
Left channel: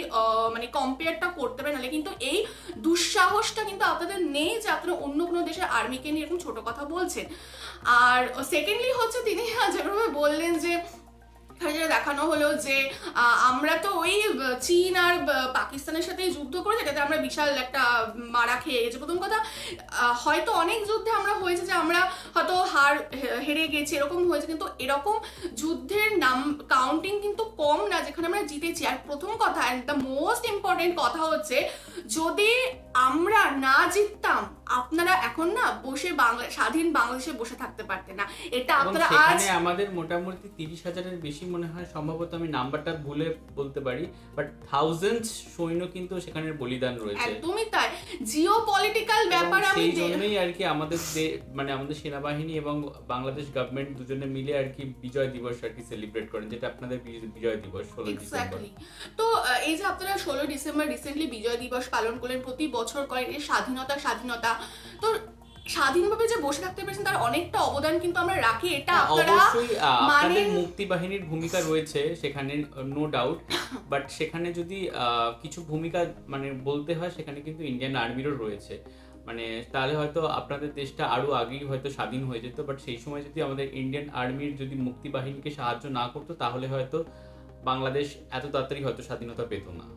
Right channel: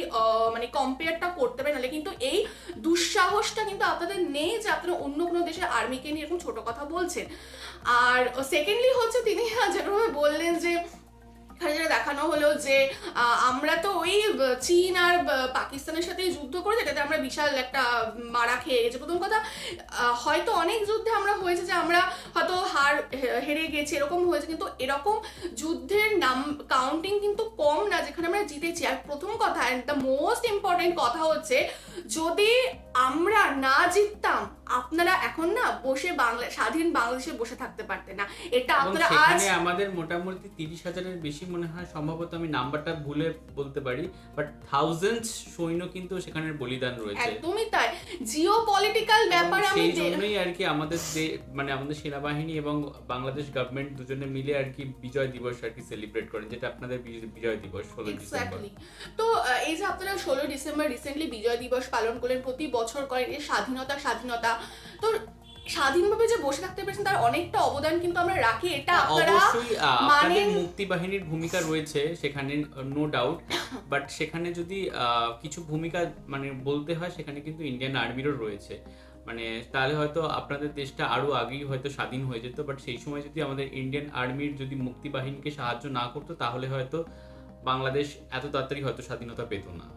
মানে কম্পেয়ারটা করতে পারেন, নাহলে কিন্তু এই দুঃসাহসটা কিন্তু আপনাদের নেই যে আপনারা অন্য কোনো দেশের আর্মিকে নিয়ে এরকম ছোট কথা বলছেন। আর সেকেন্ডলি হচ্ছে তিনি যেভাবে বললেন যে যেটা দেখানো হলো যে আমরা তো ওই চীন আর পাকিস্তানের সাথে যুদ্ধ করেছি, এটাতে আমরা বিশাল একটা মারা খেয়ে গেছি। প্রথম কথা, হয়তো অনেক যুদ্ধে আমরা হয়েছে যে আমরা হয়তো হেরে গেছি, এরকম হয়েছে, কিন্তু এরকম যুদ্ধের নাম কাউন্টিং কিন্তু কম না যেখানে আমরা জিতেছি। আর প্রথম কথা, অ্যান্ড দ্য মোস্ট ইম্পর্টেন্ট কথা হচ্ছে, যদি আমরা না জিততাম আপনারা এখন না বসে স্বাধীন বাংলাদেশে বসে থাকতে পারতেন না। এটা আপনারা আজ আমাদের মোটামুটি 30,000-এর বেশি মনে হয়, সম্ভবত আমি নাম্বারটা ভুলে বলতে পারি, বাট থাউজেন্ডস সৈন্য কিন্তু সেখানে বলিদান রয়েছে। একদমই তাই, জিওপলিটিক্যাল ব্যাপার। আমি সেই জন্যই আর কি আমাদের মানে আমাদের সেনাবাহিনী এবং বাংলাদেশ গভর্নমেন্ট দুজনে মিলে আর কি বিজয় দিবস আর কি সেলিব্রেট করেন, যেটা আপনাদের বিজয় দিবস 16 ডিসেম্বর। তো এই যে আপনারা 16 ডিসেম্বর রিসেন্টলি বিজয় দিবস পালন করলেন, প্রতি বছর করেন, এই স্বাধীনতা তো স্বাধীনভাবে যে বসে থাকতে পেরেছেন তার অনেকটা অবদান কিন্তু আমরা রাখি। এটা অবশ্যই আপনাদের মুক্তি বাহিনীর ভূমিকা রয়েছে সেখানে, নো ডাউট, বাট সেখানে যদি কিছু ভূমিকা মানে বলতে হয়, সেখানে কিন্তু ইন্ডিয়ান আর্মিরও রয়েছে। মানে তাহলে হয়তো আপনাদের দেশটা আরো আগেই হয়তো স্বাধীন হয়ে যেত, বাট সেই সময় যদি আমাদের ইন্ডিয়ান আর্মির যদি মুক্তি বাহিনীকে সাহায্য না করতো, তাহলে হয়তো বাংলাদেশ এত তাড়াতাড়ি হয়তো স্বাধীনতা পেত না।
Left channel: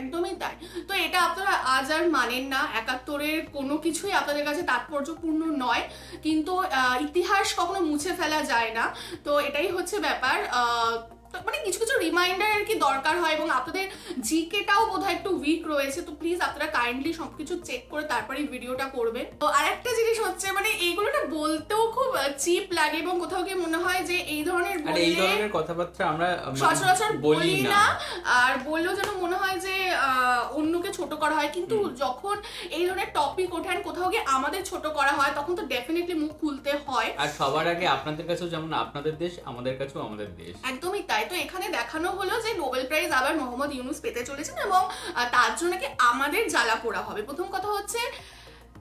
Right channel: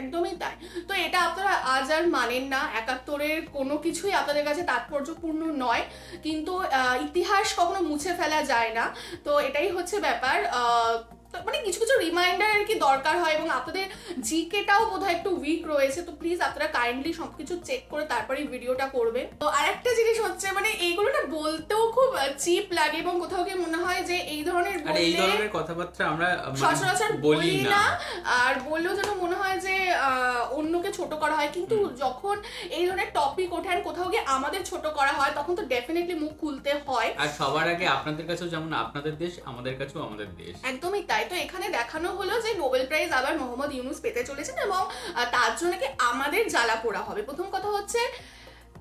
একদমই তাই। তো এটা আপনারা আজ আর মানেন না, 71-এর কোনো কিছুই আপনাদের কাছে তাৎপর্যপূর্ণ নয়, কিন্তু ইতিহাস কখনো মুছে ফেলা যায় না। তো এটাই হচ্ছে ব্যাপার। মানে কিছু কিছু রিমাইন্ডার আর কি দরকার হয়, এবং আপনাদের জিকেটাও বোধহয় একটু উইক রয়েছে, তো প্লিজ আপনারা কাইন্ডলি সবকিছু চেক করে তারপরে ভিডিওটা করবেন। তো আরেকটা জিনিস হচ্ছে, মানে এইগুলো না বলতেও খুব চিপ লাগে, এবং কোথাও গিয়ে মনে হয় যে এই ধরনের কথাবার্তা আমরা সচরাচর বলি না, আর বললেও যেন মনে হয় যে অন্যকে ছোট করা হয়। কিন্তু যখন এই ধরনের টপিক ওঠেন, কোথাও গিয়ে আমাদের ছোট করা হয়, তখন তো ডেফিনেটলি মুখ খুলতে হয়। আর সবার আগে আপনাদের কাছেও যেমন আপনাদের দেশ, আমাদের কাছেও আমাদের দেশ। একদমই তাই। তো এখানে দেখানো হলো যে নোবেল প্রাইজ আবার মোহাম্মদ ইউনূস পেতে চলেছেন, এবং তার জন্য কি আমাদের জ্বালা পোড়া হবে। প্রথম কথা হচ্ছে,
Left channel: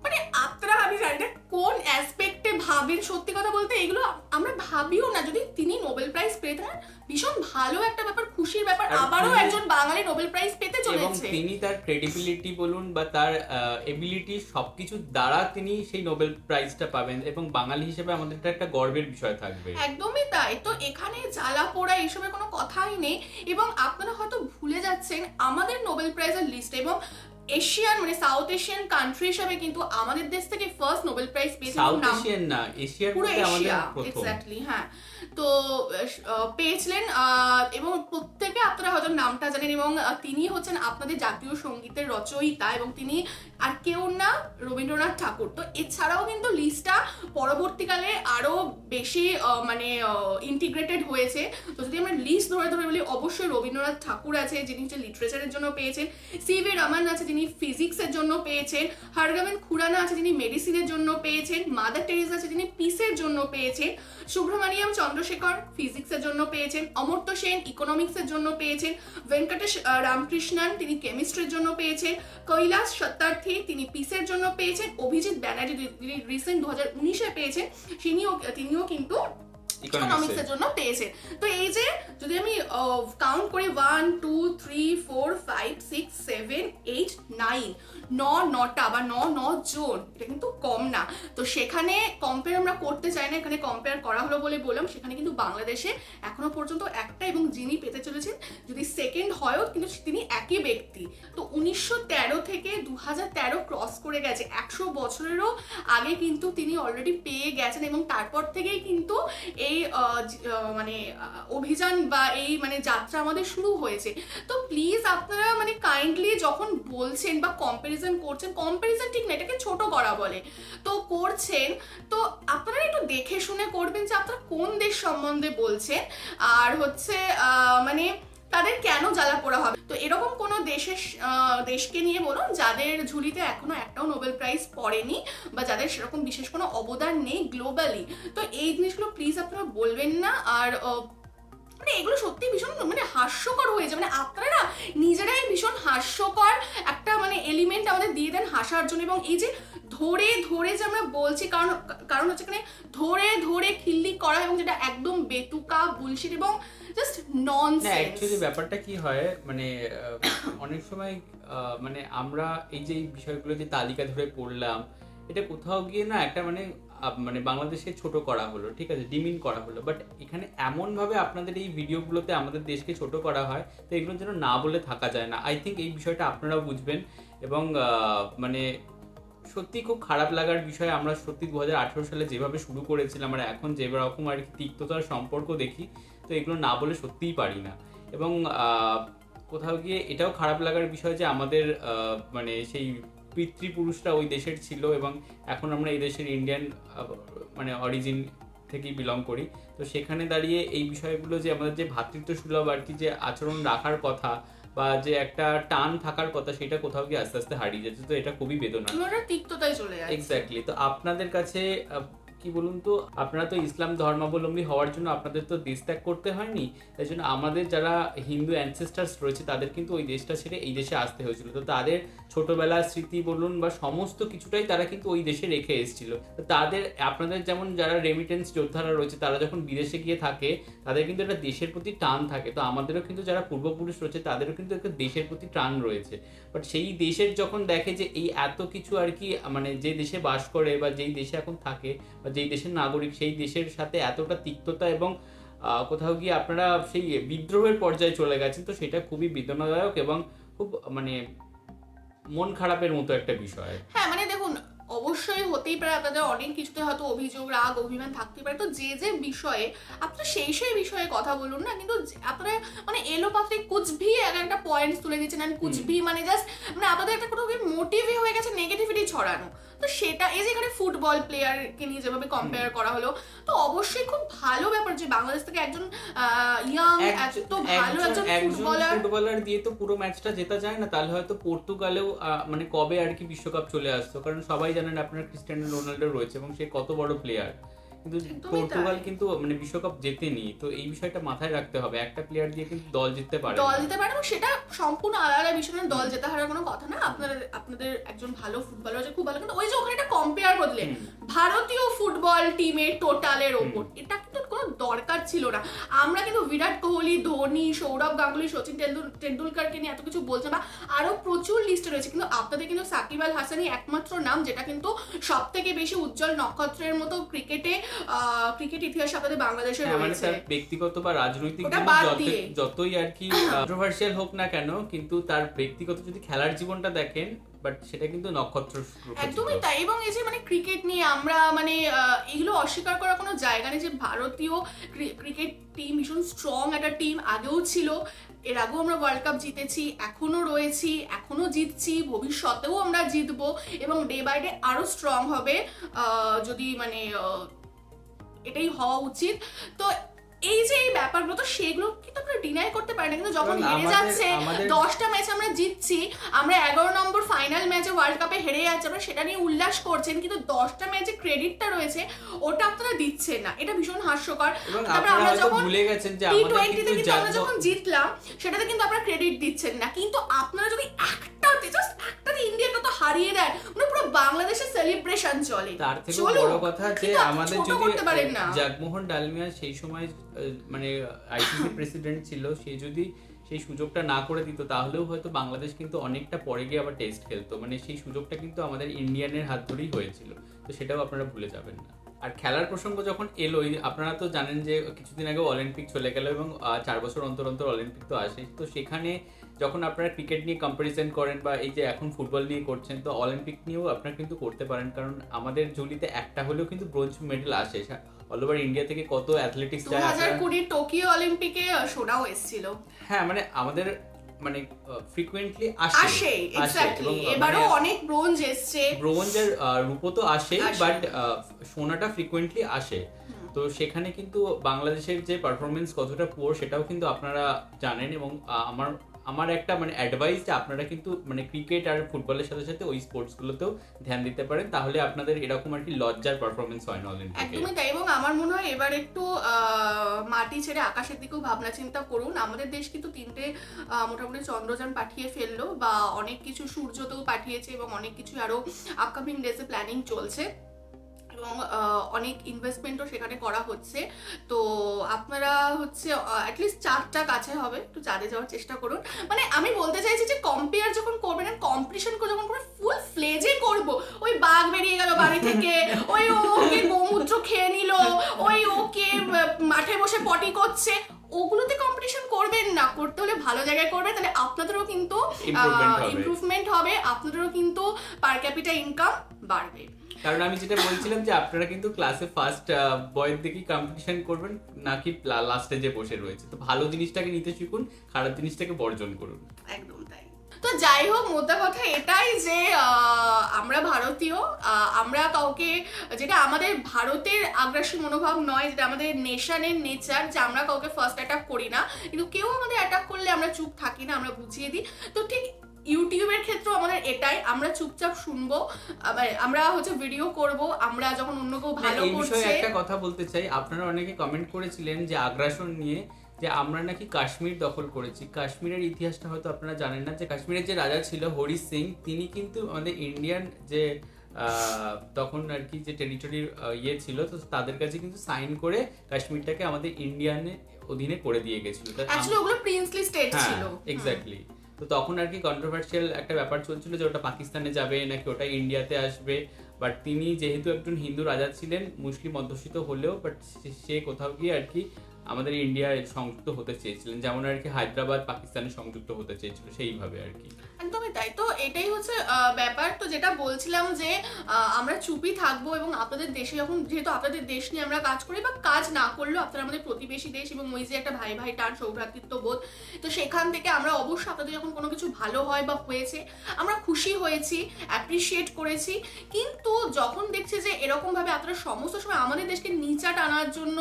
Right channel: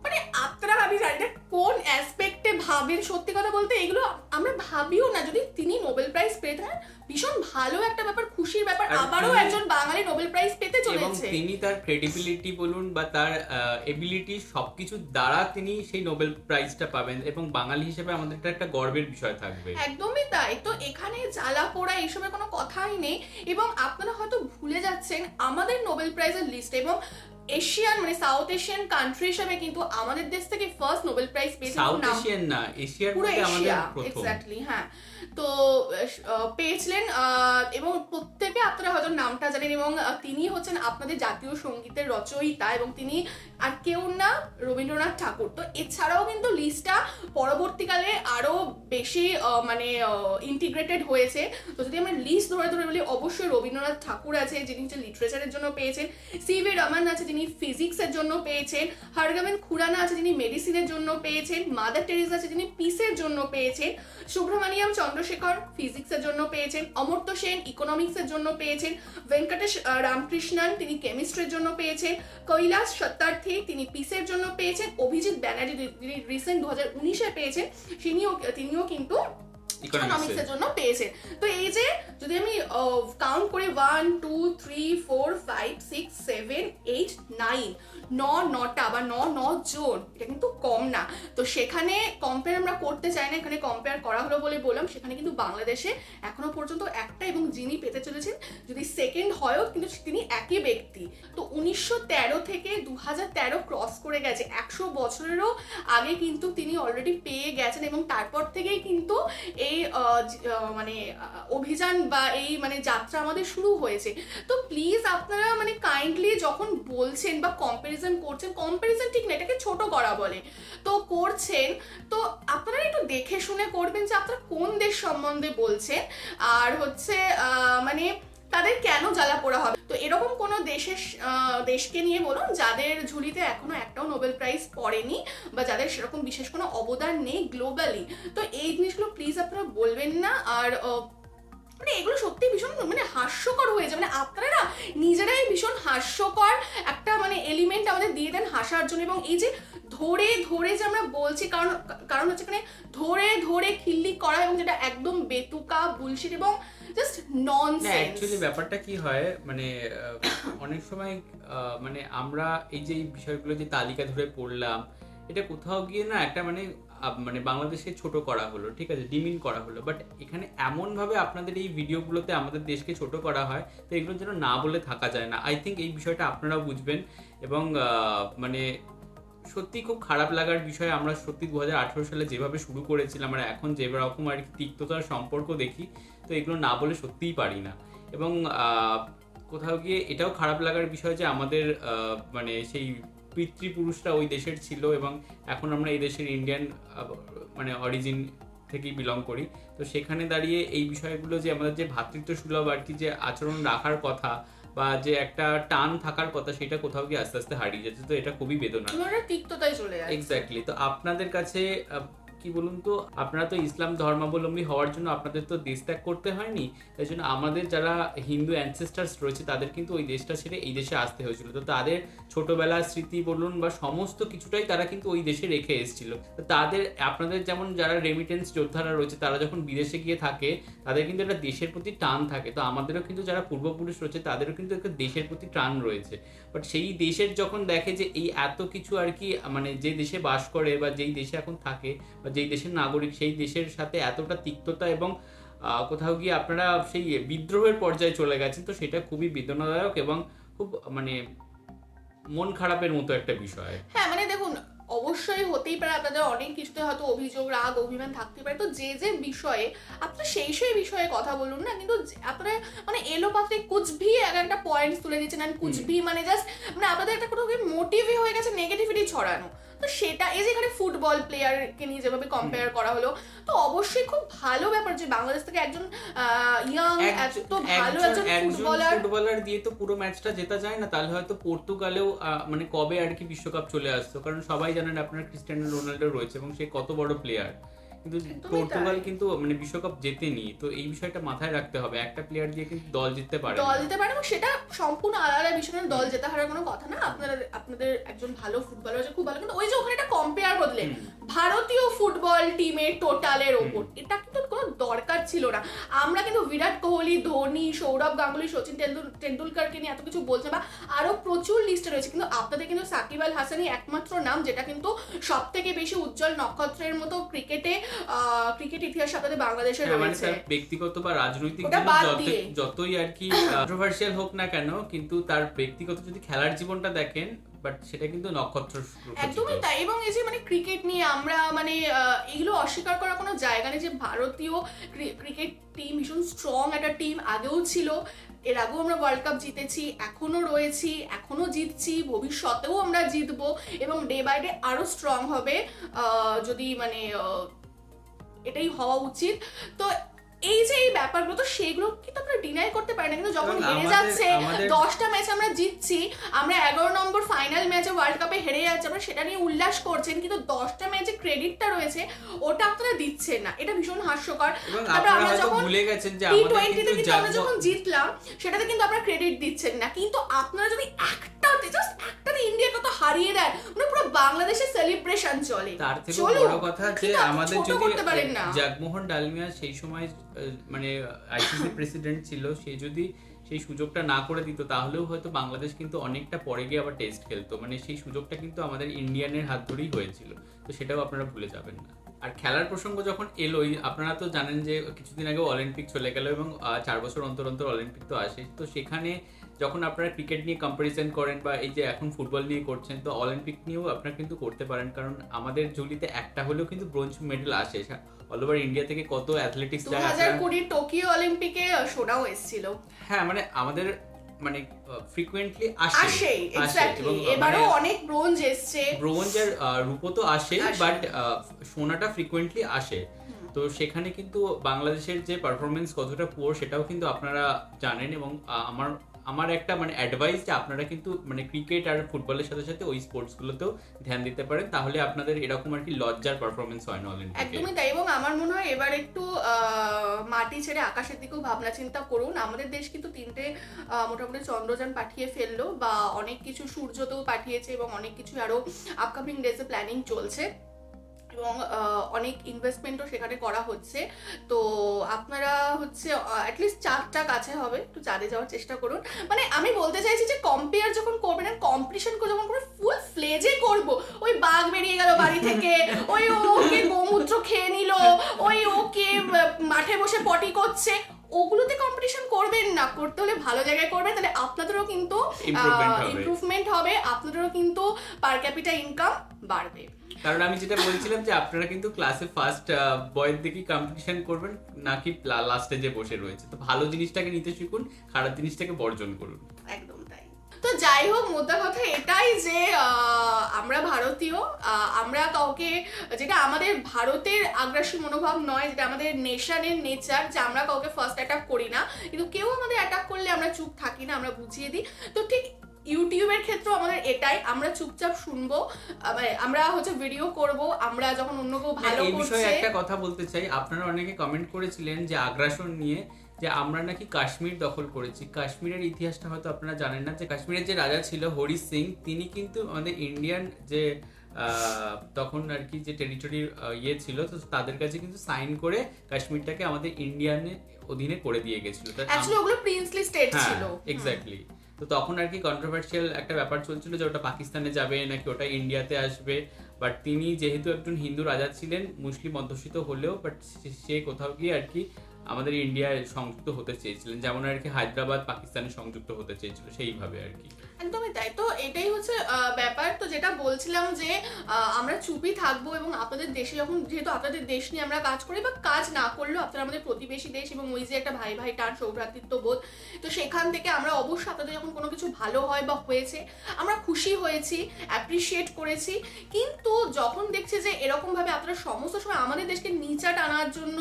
মানে আপনারা আমি জানি না কোন অ্যাসপেক্টে ভাবেন, সত্যি কথা বলতে এগুলো আমরা ভাবিও না। যদি তিনি নোবেল প্রাইজ পেতেন, ভীষণ ভালো একটা ব্যাপার, খুশির ব্যাপার, আবারও একজন বাঙালি নোবেল প্রাইজ পেতে চলেছে। এবং তিনি তার ক্রেডিবিলিটি বলুন বা তার এবিলিটি সবকিছু দ্বারা তিনি সেই নোবেল প্রাইজটা পাবেন, এবং বাঙালি হিসেবে আমাদের একটা গর্বের বিষয় থাকবে। একদমই তাই। তো এখানে জ্বালা পোড়া এসবের কোনো কথাই নেই, এবং আপনারা হয়তো ভুলে যাচ্ছেন আমাদের নোবেল প্রাইজের লিস্ট, এবং এশিয়ান মানে সাউথ এশিয়ান কান্ট্রি হিসেবে কিন্তু আমাদের দেশ থেকে ফার্স্ট নোবেল প্রাইজ পেয়েছে। সাউথ এশিয়ান না, এশিয়ার মধ্যে আমাদের প্রথম। এক্স্যাক্টলি, হ্যাঁ। তো পেয়েছিলেন, এবং প্রত্যেকে আপনারা হয়তো নামটা জানেন, এবং তিনি হচ্ছেন আপনাদের জাতীয় সঙ্গীতের রচয়িতা, এবং তিনি আর কেউ না, রবীন্দ্রনাথ ঠাকুর। তো এছাড়াও কিন্তু লিস্টটা পরবর্তীকালে আরো বেশি মানে ইন্টিগ্রেটেড হয়েছে। তো যদি আমরা লিস্ট ধরে ধরে বলি, অবশ্যই রবীন্দ্রনাথ ঠাকুর আছে যিনি হচ্ছে লিটারেচারের জন্য পেয়েছেন, সিভি রমন আছে যিনি ফিজিক্সের জন্য পেয়েছেন, হরগোবিন্দ খুরানা আছে যিনি মেডিসিনের জন্য পেয়েছেন, মাদার টেরেসা আছে যিনি পিসের জন্য পেয়েছেন, সুব্রমণিয়াম চন্দ্রশেখর ফিজিক্সের জন্য পেয়েছেন, অমর্ত্য সেন ইকোনমিক্সের জন্য পেয়েছেন, ভেঙ্কটেশ রামকৃষ্ণন তিনি কেমিস্ট্রির জন্য পেয়েছেন, কৈলাস সত্যার্থী তিনি পিসের জন্য পেয়েছেন, অভিজিৎ ব্যানার্জি রিসেন্ট 2019-এ পেয়েছেন, তিনিও কিন্তু ইকোনমিক্সের জন্য পেয়েছেন। তো এই যে যদি আমি কাউন্ট করি 1 2 3 4 5 6 7 8 9 9টা বা 9 জন, এটা কিন্তু কম না। তো সেখানে কম্পেয়ার আমরা করতে চাই না, এখানে কম্পেয়ার করা হলো বলে বললাম। সেখানে কিন্তু বাংলাদেশে এখনো পর্যন্ত একটা, এবং যিনি পেতে চলেছেন যদি সেকেন্ড হয়ও কিন্তু তিনি একই ব্যক্তি। তো 1913 থেকে 2013 ক্রস করে গেছে, 100 বছরেরও আগে কিন্তু তিনি অলরেডি পেয়ে গেছেন, এবং তারপর থেকেই কিন্তু এই মানে অভিযান বা এই মানে যাত্রা আমাদের শুরু হয়েছে। তো প্লিজ আপনারা মানে কাইন্ডলি যখন বলছেন বা কম্পারিজন করছেন, কম্পারিজন ঠিক না, এটাকে ছোট করা বলে, তো করছেন, তো আপনারা একটু দেখে শুনে করবেন যে আপনারা কোন দেশ সম্বন্ধে বলছেন, আর হচ্ছে মানে তাদের কেন জ্বালা পোড়া হবে। তো এরকম কোনো দেশকে নিয়ে বলুন যাদের ঝুলিতে এখনো একটাও নোবেল প্রাইজ পড়েনি, বা যাদের সেরকম বিশেষ কোনো অবদান নেই গ্লোবালি। তো এই জিনিসগুলো প্লিজ আপনারা বলবেন না। আর মানে এগুলো সত্যি ভীষণ মানে হাস্যকর হয়ে যায়, মানে আপনারা না নিজেরাই ভীষণ হাস্যকর একটা মানে এলিমেন্ট আমাদের দিয়ে দেন হাসার জন্য। এবং এই যে ধরে ধরে যে আমরা বলছি, কারণ হচ্ছে এখানে ধরে ধরে খিল্লি করা, এবং যেটা একদম বেতুকা বুলশিট এবং জাস্ট ননসেন্স। অ্যাকচুয়ালি ব্যাপারটা কি হয় মানে অনেক সময় মানে আমরা এই যে বিষয়গুলো যে তালিকা ধরে পড়লাম, এটা কোথাও গিয়ে না একটা মানে বাংলাদেশকে ছোট করা হলো, ঠিক আছে, ডিমিন করা হলো। বাট এখানে এমনভাবে আপনাদের এই ভিডিওগুলোতে আমাদের দেশকে ছোট করা হয়, তো এগুলোর জন্য না বলে থাকা যায় না। আই থিঙ্ক এই বিষয়টা আপনারাও বুঝবেন। এবং মানে সত্যি খুব খারাপ লাগার বিষয়, আমরা সত্যি 2018 সালে যেভাবে শুরু করেছিলাম আর এখন যেরকম আর কি তিক্ততার সম্পর্ক দেখি, তো এগুলো না বলে সত্যিই পারি না। এবং কোথাও গিয়ে এটাও খারাপ লাগার বিষয় যে আমাদের মানে সেই পিতৃপুরুষরা ওই দেশের ছিল, এবং এখন আমরা এই দেশের ইন্ডিয়ান মানে অরিজিন থেকেই বিলং করি। তো সেখানে দাঁড়িয়ে এই বিষয়গুলো যে আমাদের যে ভ্রাতৃত্ব সুলভ আর কি যে আচরণ রাখার কথা বা যে একটা টান থাকার কথা, সেটা কোথাও গিয়ে আস্তে আস্তে হারিয়ে যাচ্ছে। তো এটা খুবই বেদনা, তিক্ততায় চলে যাচ্ছে। এক্স্যাক্টলি। তো আপনাদের কাছে কি বলুন তো, আপনারা তো ইসলাম ধর্মাবলম্বী হওয়ার জন্য আপনাদের তো দেশ ত্যাগ করতে হয়নি, তাই জন্য আমাদের যারা হিন্দু অ্যানসেস্টার্স রয়েছে তাদের কিন্তু ওই দেশটা ছেড়ে এই দেশে আসতে হয়েছিল। তো তাদের ছোটবেলার স্মৃতি বলুন বা সমস্ত কিছুটাই তারা কিন্তু ওই দেশে রেখে এসেছিল। তো তাদের আপনাদের যেমন যারা রেমিটেন্স যোদ্ধারা রয়েছে তারা যখন বিদেশে গিয়ে থাকে তাদের কিন্তু একটা দেশের প্রতি টান থাকে। তো আমাদেরও কিন্তু যারা পূর্বপুরুষ রয়েছে তাদেরও কিন্তু একটা দেশের প্রতি টান রয়েছে। বাট সেই দেশের যখন দেখে যে এই এত কিছু আর কি মানে যে দেশে বাস করে বা যেই দেশে এখন থাকে বা যেই দেশের নাগরিক, সেই দেশের সাথে এতটা তিক্ততা এবং কোথাও গিয়ে আপনারা সেই বিদ্রোহের পর্যায়ে চলে গেছেন, তো সেটা খুবই বেদনাদায়ক এবং খুব মানে মন খারাপের মতো একটা বিষয়। হ্যাঁ মানে দেখুন, অবশ্যই হতেই পারে আপনাদের অনেক কিছুতে হয়তো অভিযোগ, রাগ, অভিমান থাকতে পারে। তো যে যে বিষয়ে আপনারা সেই বিষয়ে কথা বলুন না, কিন্তু আপনারা মানে এলোপাতে কুচভি একটা পয়েন্ট তুলে দিচ্ছেন, আর কুচভি মানে জাস্ট মানে আপনাদের একটা কোনো মোটিভই হয়ে গেছে নেগেটিভিটি ছড়ানো। তো সেটা এই যে এখানে ফুটবল প্লেয়ারকে নিয়ে যেভাবে কম্পেয়ার করা হলো, তো অবশ্যই খুব ভালো ব্যাপার যে বাংলাদেশ থেকে একজন ইয়াং এত ভালো একজন ফুটবলার দিয়ে তো পুরো ম্যাচটা জেতা যায় না। তাহলে হয়তো পর্তুগালেও মানে কবে আর কি বিশ্বকাপ চলে আসতো, কারণ সবাই জানেন আপনার ক্রিস্টিয়ানো রোনাল্ডো রয়েছে এবং সে কত বড় প্লেয়ার, কিন্তু পর্তুগাল কিন্তু মানে বিশ্বকাপ জেতেনি। তো এই বিষয়টা মাথায় রাখতে হবে, একটা প্লেয়ার দিয়ে কিন্তু দল জিততে পারে এবং সেটা সম্পূর্ণ আলাদা বিষয়। দল জেতা হারার কোনো কথা না। আপনাদের একজন ভালো ফুটবলার আছে, খুব ভালো, কিন্তু ওই যে ওখানে একটা কম্পেয়ার করলে ভারতীয় ফুটবল টিমের টোটালের ওপর, এটা কিন্তু কোনো দরকার ছিল না। আমরা কিন্তু বিরাট কোহলি, ধোনি, সৌরভ গাঙ্গুলি, সচিন তেন্ডুলকারকে নিয়ে এত কিছু বলছে বা আরো প্রচুর লিস্টে রয়েছে, কিন্তু আপনাদের কিন্তু সাকিব আল হাসানই একমাত্র নাম যেটা কিন্তু সব থেকে বেশি উজ্জ্বল নক্ষত্রের মতো ক্রিকেট ইতিহাস আপনাদের বাংলাদেশে রয়েছে। ব্যক্তিগত বা রাজনৈতিক যতই আর কি কন্ট্রোভার্সিয়াল হোক না কেন, কিন্তু তার ব্যক্তিগত যদি খেলার জীবনটা দেখেন, বাট সেটা কিন্তু নক্ষত্র একদমই তাই। এবং এই যে মানে ক্রিকেট নিয়ে আমরা মানে এগুলো অস্বীকার করার কোনো জায়গা নেই যে ভারতীয় ক্রিকেট টিম ভীষণ স্ট্রং একটা টিম আগেও ছিল, এর আগেও আমরা ওয়ার্ল্ড কাপ জিতেছি, এখনো রয়েছি, এখনো জিতছি, ভবিষ্যতেও আমরা জিতবো এবং ডে বাই ডে আরো স্ট্রং হবে, যদি মানে এটাই হওয়া উচিত। তো এই যে এই ব্যাপারগুলো, তো সেগুলো কিন্তু আমরা ডিনাই করতে পারি না, কিন্তু যখন হেরে যাচ্ছে 10টা ম্যাচ আমরা জিতছি, আমরা 11 নম্বর ফাইনাল ম্যাচে ওয়ার্ল্ড কাপে হেরে যাচ্ছি, আমরা সেটা নিয়ে উল্লাস করছেন, কিন্তু 10টা ম্যাচে ক্রেডিটটা রয়েছে ওটা আপনারা দিচ্ছেন না, এটা ভীষণ হাস্যকর। তারপরে আমরা যখন ভুলে গেছেন যে আমাদের কিন্তু আমরা যখন জিতলাম সেটাতে কিন্তু আপনারা ক্রেডিট দিচ্ছেন না, কিন্তু আপনারা যদি একটা ইন্ডিয়ার কথা হারিয়ে দেন, মানে পুরো বাংলাদেশের সেলিব্রেশন চলে। তার থেকে বড় কথা যে আমাদের যদি জগমোহন ডালমিয়া সেই সময় মানে আইসিসি প্রেসিডেন্ট ছিল, সে যদি সেই সুযোগটা না করে দিত তাহলেও হয়তো বাংলাদেশ কিন্তু অনেকটা পরে গিয়ে আবার টেস্ট খেলতো, মানে সেই সুযোগটা কিন্তু আমাদের ইন্ডিয়ানের হাত ধরেই হয়েছিল, তো সেটাও আপনারা ভুলে যাবেন না। আর খেলার প্রসঙ্গ যখন এলোই, আপনারা তো জানেন যে কিছুদিন আগে অলিম্পিক চলে গেল এবং 4 বছর অন্তর অন্তর অলিম্পিক তো আসে, তো সেখানে যখন আপনারা ক্রিকেট নিয়ে কম্পারিজন করেন বা এই যে এখন ফুটবল নিয়ে করছেন, তো অলিম্পিক নিয়েও আপনারা কিন্তু করতে পারেন, কারণ আমাদের ঝুলিতে একটা হলেও কিন্তু ব্রোঞ্জ মেডেল আসে। অল ওভার ইন্ডিয়া থেকে কত অ্যাথলেটিক্স যায়। 2020 টোকিও অলিম্পিকে সোনাও এসেছিল। হ্যাঁ, মানে আমাদের মানে ফ্রিকোয়েন্টলি আসে এবং এবারেও অনেক ব্রোঞ্জ এসেছে, ব্রোঞ্জ আর রূপো তো আসে, বাট সোনাটা ফ্রিকোয়েন্টলি আসে। তো সেখানে কিন্তু বাংলাদেশের যে পারফরমেন্স কতটা পুয়ার সেটাও কিন্তু আপনারা জানেন, এবং আমার একটা মানে অ্যাডভাইস যে আপনারা কিন্তু মানে ক্রিকেট আর ফুটবলের সাথে সাথে ওই স্পোর্টসগুলোতেও ধ্যান দিতে পারেন, তাহলে আপনাদের এরকম আর কি লজ্জার পারফরমেন্স হয় না অলিম্পিকে। একদমই তাই, এবং আমার মনে হয় এবার একটু মাটি ছেড়ে আকাশের দিকেও ভাবনা চিন্তা করুন। আমাদের দেশ কিন্তু 3টে মোটামুটি চন্দ্রযান পাঠিয়ে ফেললো, বা অনেক কিছু সূর্যতেও পাঠিয়েছে, এবং অনেক কিছু আরো আপকামিং ডেজে প্ল্যানিং চলছে, এবং অনেক ইনভেস্টমেন্টও সেখানে করা হচ্ছে। তো আপনারা হচ্ছে অ্যাটলিস্ট 4টা কাছে হবে, একটু চাঁদে যাওয়ার চেষ্টা করুন। মানে আমি বলতে চাইছি যে কম্পেয়ার যখন করবেন আর কম্পিটিশন যখন করে ফুল ফ্লেজে করবো, ওই বাঘ বেরিয়ে গেল বাড়ি থেকে, ওই ওকে গোমূত্র খেয়ে নিল, ওই ওকে মাঠে বসে পটি করছে, ওগুলোতে কম্পিটিশন করবেন না। করতে হলে ভালো জায়গায় করবেন, তাহলে আপনাদেরও কিন্তু ইমপ্রুভমেন্ট হবে, আপনাদেরও কিন্তু পার ক্যাপিটা ইনকাম বাড়বে। কারণ আমি যেটা বলছিলাম যে আপনারা কিন্তু ক্লাসে ফার্স্ট বয়ের দিকেই কম্পিটিশন করবেন, নাকি লাস্টে যে বসে রয়েছে। তো ভালো জিনিসটাকে নিতে শিখুন, খারাপ জিনিসটাকে বর্জন করুন। একদম তাই। তো যাই হোক, মোদ্দা কথা এটাই যে আমরা ভারতীয়, আমরা কাউকে, যেটা আমাদের ভারতের আগ্রাসী মনোভাব নয়, যেটা আমাদের নেশনের নেচার, যে আমরা কাউকে ফার্স্ট অ্যাটাক করি না, কিন্তু কেউ আমাদের অ্যাটাক করলে আমরা চুপ থাকি না, আমরা বুঝিয়ে দিই। তো ঠিক ইউটিউবের ক্ষেত্রেও আমাদের এটাই, আমরা চুপচাপ শুনবো, আমরা হচ্ছে ভিডিও করব, আমরা যখন অন্য কেউ ভালো করছে। এই বিষয়ে একটা কথা বলতে চাই, আপনারা অনেকে কমেন্ট করেছিলেন যে আগ্রাসন নিয়ে, যে আমরা নাকি কাশ্মীর দখল করেছি। কাশ্মীরের ইতিহাসটা হয়তো আপনারা জানেন না, যে কাশ্মীরের যে রাজা ছিল হরি সিং, তিনি কিন্তু আমাদের ইন্ডিয়ান যে তখন আর কি যে টেরিটরি ইয়ে ছিল, তো তাদের কাছে কিন্তু সাইন করে কাশ্মীরটাকে আমাদের ইন্ডিয়ানের অধীনে করে দিয়ে গেছিল। ওগুলো প্রিন্সলি স্টেট ছিল। এক্স্যাক্টলি। তো তখন আর কি কন্ট্রোভার্সিয়াল একটা ব্যাপার চলছিল যে ওটা পাকিস্তানে যাবে নাকি ওটা ইন্ডিয়াতে আসবে, বাট তিনি যেহেতু একজন হিন্দু রাজা ছিলেন, মুসলিম অধ্যুষিত হলেও, বাট সে কোথাও গিয়ে আর কি আমাদের ইন্ডিয়ায় সংযুক্ত হতে চেয়েছিলেন, যেমন আর কি হায়দ্রাবাদ পাকিস্তানে সংযুক্ত হতে চেয়েছিল, সেইভাবে আর কি। একদমই তাই। তো এটাই হচ্ছে ব্যাপার। তো যেটা বলছিলাম যে আমরা চুপই থাকবো, এবং আপনাদের দেশে যখন, যেহেতু আপনাদের দেশ নিয়ে আমরা কাজ করি, বা কাজ না করলেও আপনারা আমাদের প্রতিবেশী দেশ, এবং ওই যে একটা ভাই ভাই টান সৌভ্রাতৃত্ব বোধ, তো সেখান থেকে আমরা অবশ্যই আপনাদের যখন কোনো কিছু ভালো হয় বা হয়েছে আমরা খুশি হয়েছি, অ্যাপ্রিসিয়েট করেছি। কিন্তু যখন দেখছি যে এরকম ভাবে আপনারা সমস্ত সময় আমাদের দেশকে নিচা টানার জন্য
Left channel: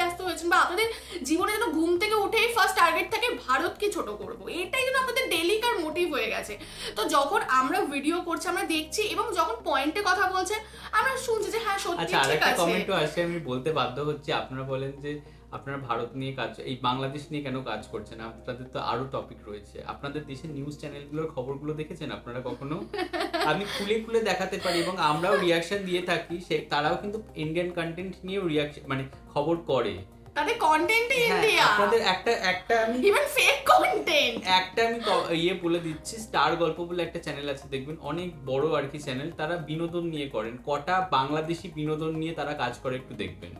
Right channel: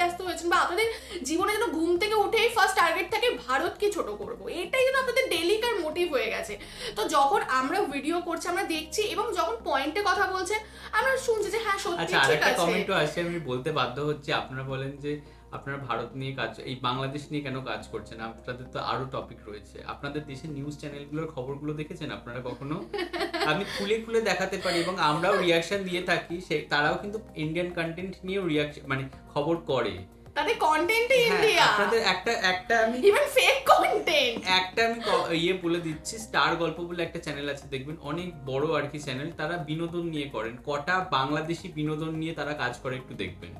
ব্যস্ত হয়েছেন, বা আপনাদের জীবনে যেন ঘুম থেকে উঠেই ফার্স্ট টার্গেট থাকে ভারতকে ছোট করব, এটাই যেন আপনাদের ডেইলিকার মোটিভ হয়ে গেছে। তো যখন আমরা ভিডিও করছি, আমরা দেখছি, এবং যখন পয়েন্টে কথা বলছেন আমরা শুনছি যে হ্যাঁ সত্যি। আচ্ছা, আরেকটা কমেন্টও আসে, আমি বলতে বাধ্য হচ্ছি। আপনারা বলেন যে আপনারা ভারত নিয়ে কাজ, এই বাংলাদেশ নিয়ে কেন কাজ করছেন? আপনাদের তো আরো টপিক রয়েছে। আপনাদের দেশের নিউজ চ্যানেলগুলোর খবরগুলো দেখেছেন আপনারা কখনো? আমি খুলে খুলে দেখাতে পারি, এবং আমরাও রিয়াকশন দিয়ে থাকি, তারাও কিন্তু ইন্ডিয়ান কন্টেন্ট নিয়েও রিয়াকশন মানে খবর করে। তাদের কন্টেন্টই ইন্ডিয়া। আপনাদের একটা আমি ইভেন ফেক কন্টেন্ট, একটা আমি ইয়ে বলে দিচ্ছি, স্টার গল্প বলে একটা চ্যানেল আছে, দেখবেন অনেক বড় আর কি চ্যানেল, তারা বিনোদন নিয়ে করেন। কটা বাংলাদেশি বিনোদন নিয়ে তারা কাজ করে একটু দেখবেন।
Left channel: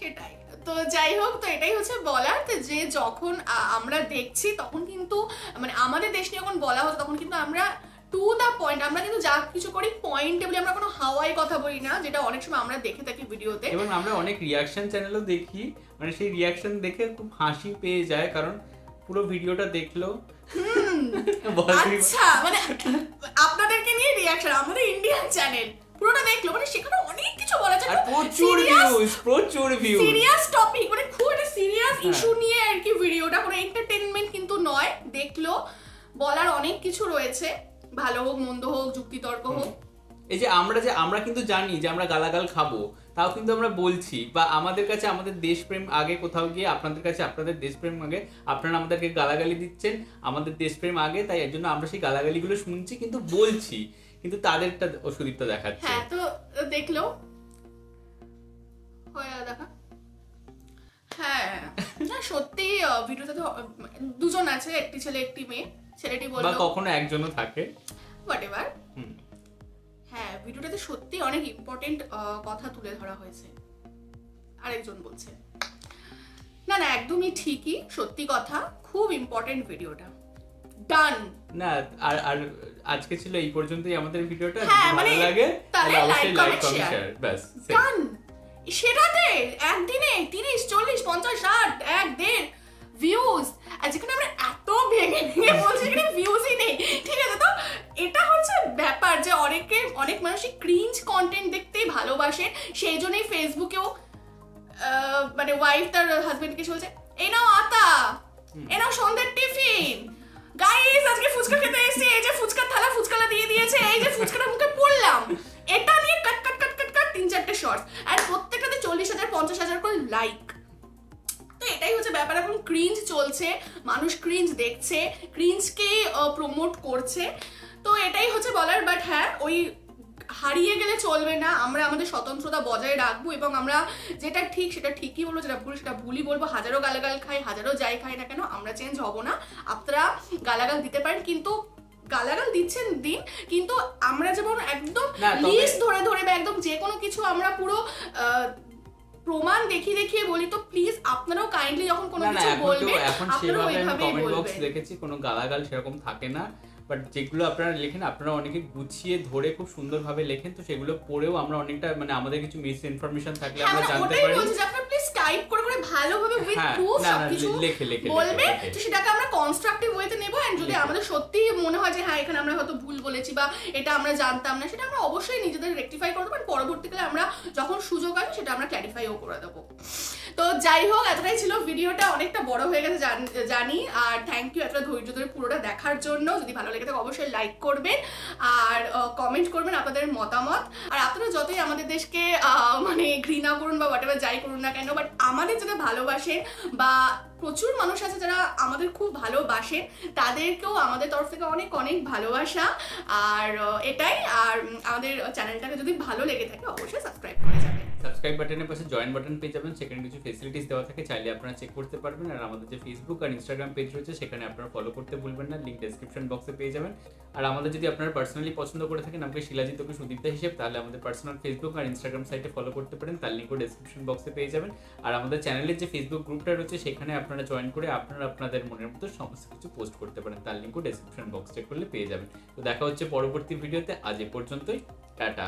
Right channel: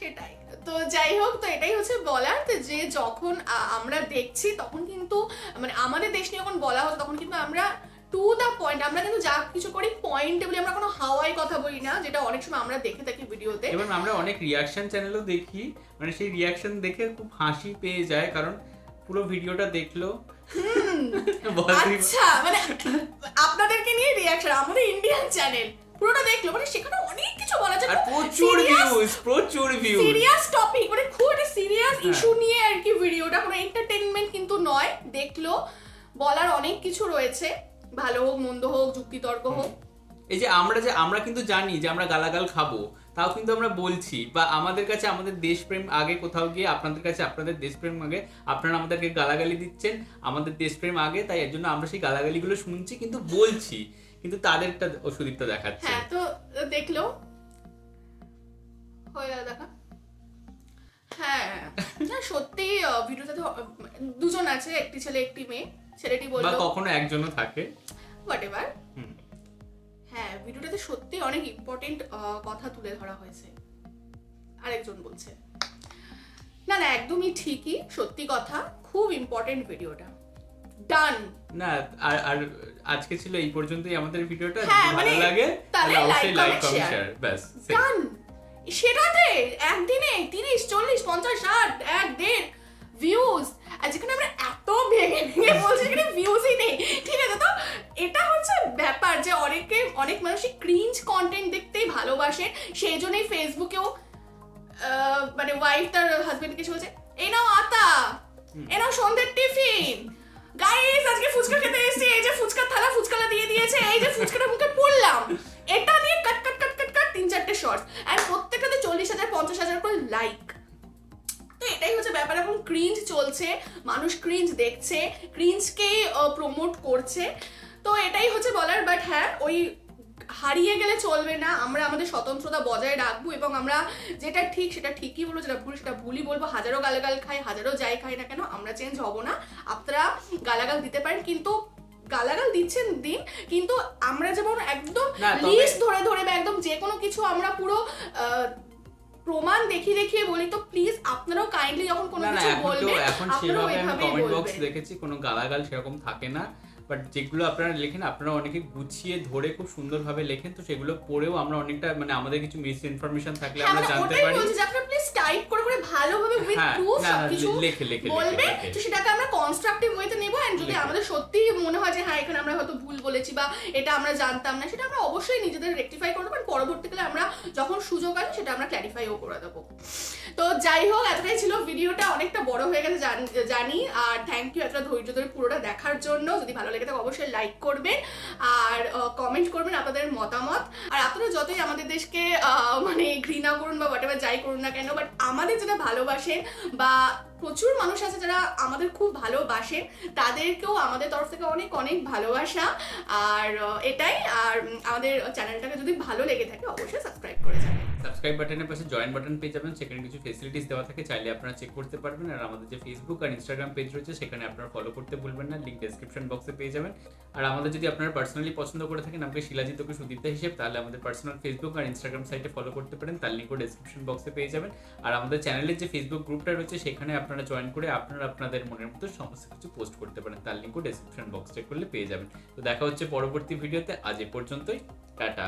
সেটাই। তো যাই হোক, তো এটাই হচ্ছে বলার যে যখন আমরা দেখছি তখন কিন্তু মানে আমাদের দেশ নিয়ে যখন বলা হচ্ছে তখন কিন্তু আমরা টু দ্য পয়েন্ট, আমরা কিন্তু যা কিছু করি পয়েন্টে বলি, আমরা কোনো হাওয়াই কথা বলি না, যেটা অনেক সময় আমরা দেখে থাকি ভিডিওতে। এবং আমরা অনেক রিয়াকশন চ্যানেলও দেখি, মানে সেই রিয়াকশন দেখে খুব হাসি পেয়ে যায়, কারণ পুরো ভিডিওটা দেখলো আচ্ছা মানে আপনাদেরকে নিয়ে রিয়াকশন, আমাদের ইন্ডিয়ান চ্যানেল পুরোটা দেখলো, মানে সেখানে অনেক কিছু বলা যায়, আর প্রচুর ভিউজ সিরিয়াস টপিক, মানে খুব একটা সিরিয়াস ইস্যু নিয়ে আর কি ভিডিওটা, কোনো এন্টারটেইনমেন্ট কিন্তু নয়। দেখলো, বলার অনেক কিছু রয়েছে, ভালো হোক মন্দ হোক যুক্তিতর্ক হোক। এই যে আমরা কিন্তু জানি যে আমরা গালাগাল খাবো, তাও কিন্তু আমরা বলছি, বা আমাদের কাছে আমাদের দেশপ্রেম আগে, কোথাও গিয়ে আপনাদের কাছে আপনাদের দেশপ্রেম আগে, আপনারা আমাদেরকে গালাগালি দিচ্ছেন, আমাদের দেশপ্রেম আগে, তাই এর জন্য আমরা সেই গালাগালিগুলো শুনছি কিন্তু বলছি, কিন্তু তাদেরটা অসুবিধা দেখাচ্ছে। হ্যাঁ, তো দেখলো হয়ে গেল দেখা। হ্যাঁ না সত্যি ভিডিওতে তো দুজন আছে, একটি ছেলে একটি মেয়ে, ছেলেটি বা বললো কখনো একজনও থাকে, হোয়াটএভার। হ্যাঁ, ভিডিওটাতে সত্যি অনেক ইম্পর্টেন্ট কথা তুলে ধরা হয়েছে। আরেকজন বলছে না না একদমই ঠিকই, সত্যি কথা, খুব ইম্পর্টেন্ট ভিডিওটা। ডান না আর আজকে ছিল এই পর্যন্তই আমাদের ভিডিওটা। হ্যাঁ, যদি ভালো মানে লাগে তাহলে তাহলে অবশ্যই like comment, comment share। Share, ব্যাস ডান। সেটাতে একদিনে 30, 40, 50, 60, 1.5 ভিউজ, আর যেখানে আমরা এত ভেঙে ভেঙে বলছি সেখানে ভিউজই নেই, ঠিক আছে? তো এটা হচ্ছে ব্যাপার যে অনেক মানুষই ক্রিঞ্জ কন্টেন্ট দেখতেই ভালোবাসে, সেই জন্যই ফেসবুকেও মানে ওয়াইফ তার হাজবেন্ডকে বলছে এই নাও আতা, এই নাও সন্ধ্যের টিফিন, গাইস আজকে ফুচকা খেতে এসেছি, এই যে ফুচকার থালা ফুচকালা দিয়ে দিয়েছে, এই যে ফুচকাটা মুখে পড়লাম, এটা নিয়ে কাট 3-4টে শর্টস, আর প্রত্যেকটাতে 40,000 50,000 করে লাইক। তো এটাই হচ্ছে ব্যাপার, এখন ক্রিঞ্জ চলছে, মানুষ ক্রিঞ্জ দেখছে, ক্রিঞ্জকেই প্রমোট করছে, তো এটাই হচ্ছে বলার। বাট হ্যাঁ, ওই হারিয়ে গেলে চলবে না, আমরা আমাদের স্বতন্ত্রতা বজায় রাখবো, এবং আমরা যেটা ঠিক সেটা ঠিকই বলবো, যেটা ভুল সেটা ভুলই বলবো। হাজারো গালাগাল খাই, হাজারো যাই খাই না কেন, আমরা চেঞ্জ হব না। আপনারা গালাগাল দিতে পারেন, কিন্তু গালাগাল দিচ্ছেন দিন, কিন্তু আমরা যেমন একদম লিস্ট ধরে ধরে বা একদম যে কোনো কিছু আমরা পুরো প্রমাণ দেখিয়ে বলি, তো প্লিজ আপনারাও কাইন্ডলি যখন কোনো না কিছু বলবেন এখন সেভাবে আমি কমেন্ট বক্স দেখেছি কোনো গালাগাল সেরকম থাকে না, বাট যেগুলো আপনারা লেখেন আপনারা অনেকে গুছিয়ে ধরে খুব সুন্দরভাবে লেখেন, তো সেগুলো পড়েও আমরা অনেকটা মানে আমাদের কিছু মিস ইনফরমেশন থাকলে আমরা জানতে পারি। আপনারা প্লিজ টাইপ করে ভালোভাবে উইথ প্রুফ সবকিছু বলবেন, তো সেটাকে আমরা কনস্ট্রাকটিভ ওয়েতে নেব। এন্ড যদি আমাদের সত্যি মনে হয় যে হ্যাঁ এখানে আমরা হয়তো ভুল বলেছি বা এটা আমরা জানতাম না, সেটা আমরা অবশ্যই নিজেদের রেকটিফাই করবো, পরবর্তীকালে আমরা যখন সুযোগ আসে সেটা আমরা ক্ল্যারিফাইও করে দেবো। তো যাই হোক, এতটাই ছিল ভিডিওটা, অনেকটা বড় হয়ে গেছে জানি, আর থ্যাংক ইউ এতটা ধৈর্য ধরে পুরোটা দেখার জন্য। যদি ভালো লেগে থাকে অবশ্যই লাইক করবেন আর কমেন্ট করবেন আপনাদের মতামত। আর আপনারা যতই আমাদের দেশকে মানে ঘৃণা করুন বা হোয়াটএভার যাই করুন না কেন, বাট আমাদের যারা ভালোবাসেন বা প্রচুর মানুষ আছে যারা আমাদের খুব ভালোবাসে, তাদেরকেও আমাদের তরফ থেকে অনেক অনেক ভালোবাসা। আর এটাই, আর আমাদের চ্যানেলটাকে যদি ভালো লেগে থাকে অবশ্যই সাবস্ক্রাইব করে যাবেন। সাবস্ক্রাইব বাটনের পাশে জয়েন বাটন পেয়ে যাবেন, সেখানে কিছু ফেসিলিটিস দেওয়া থাকে, চাইলে আপনারা চেক করতে পারবেন। আর আমাদের যে ফেসবুক আর ইনস্টাগ্রাম পেজ রয়েছে সেখানে আপনারা ফলো করতে ভুলবেন না, লিঙ্ক ডেসক্রিপশন বক্সে পেয়ে যাবেন। আর আমাদের যদি আপনারা পার্সোনালি পছন্দ করে থাকেন আমাকে শিলাজিৎ ওকে সুদীপ্তা হিসেবে, তাহলে আমাদের পার্সোনাল ফেসবুক আর ইনস্টাগ্রাম সাইটে ফলো করতে পারেন, তার লিঙ্কও ডেসক্রিপশন বক্সে পেয়ে যাবেন। আর আমাদের চ্যানেলের যে ফেসবুক গ্রুপটা রয়েছে সেখানে আপনারা জয়েন করে আপনারা আপনাদের মনের মতো সমস্ত কিছু পোস্ট করতে পারেন, তার লিঙ্কও ডেসক্রিপশন বক্স চেক করলে পেয়ে যাবেন। তো দেখা হচ্ছে পরবর্তী ভিডিওতে, আজ এ পর্যন্তই, টাটা।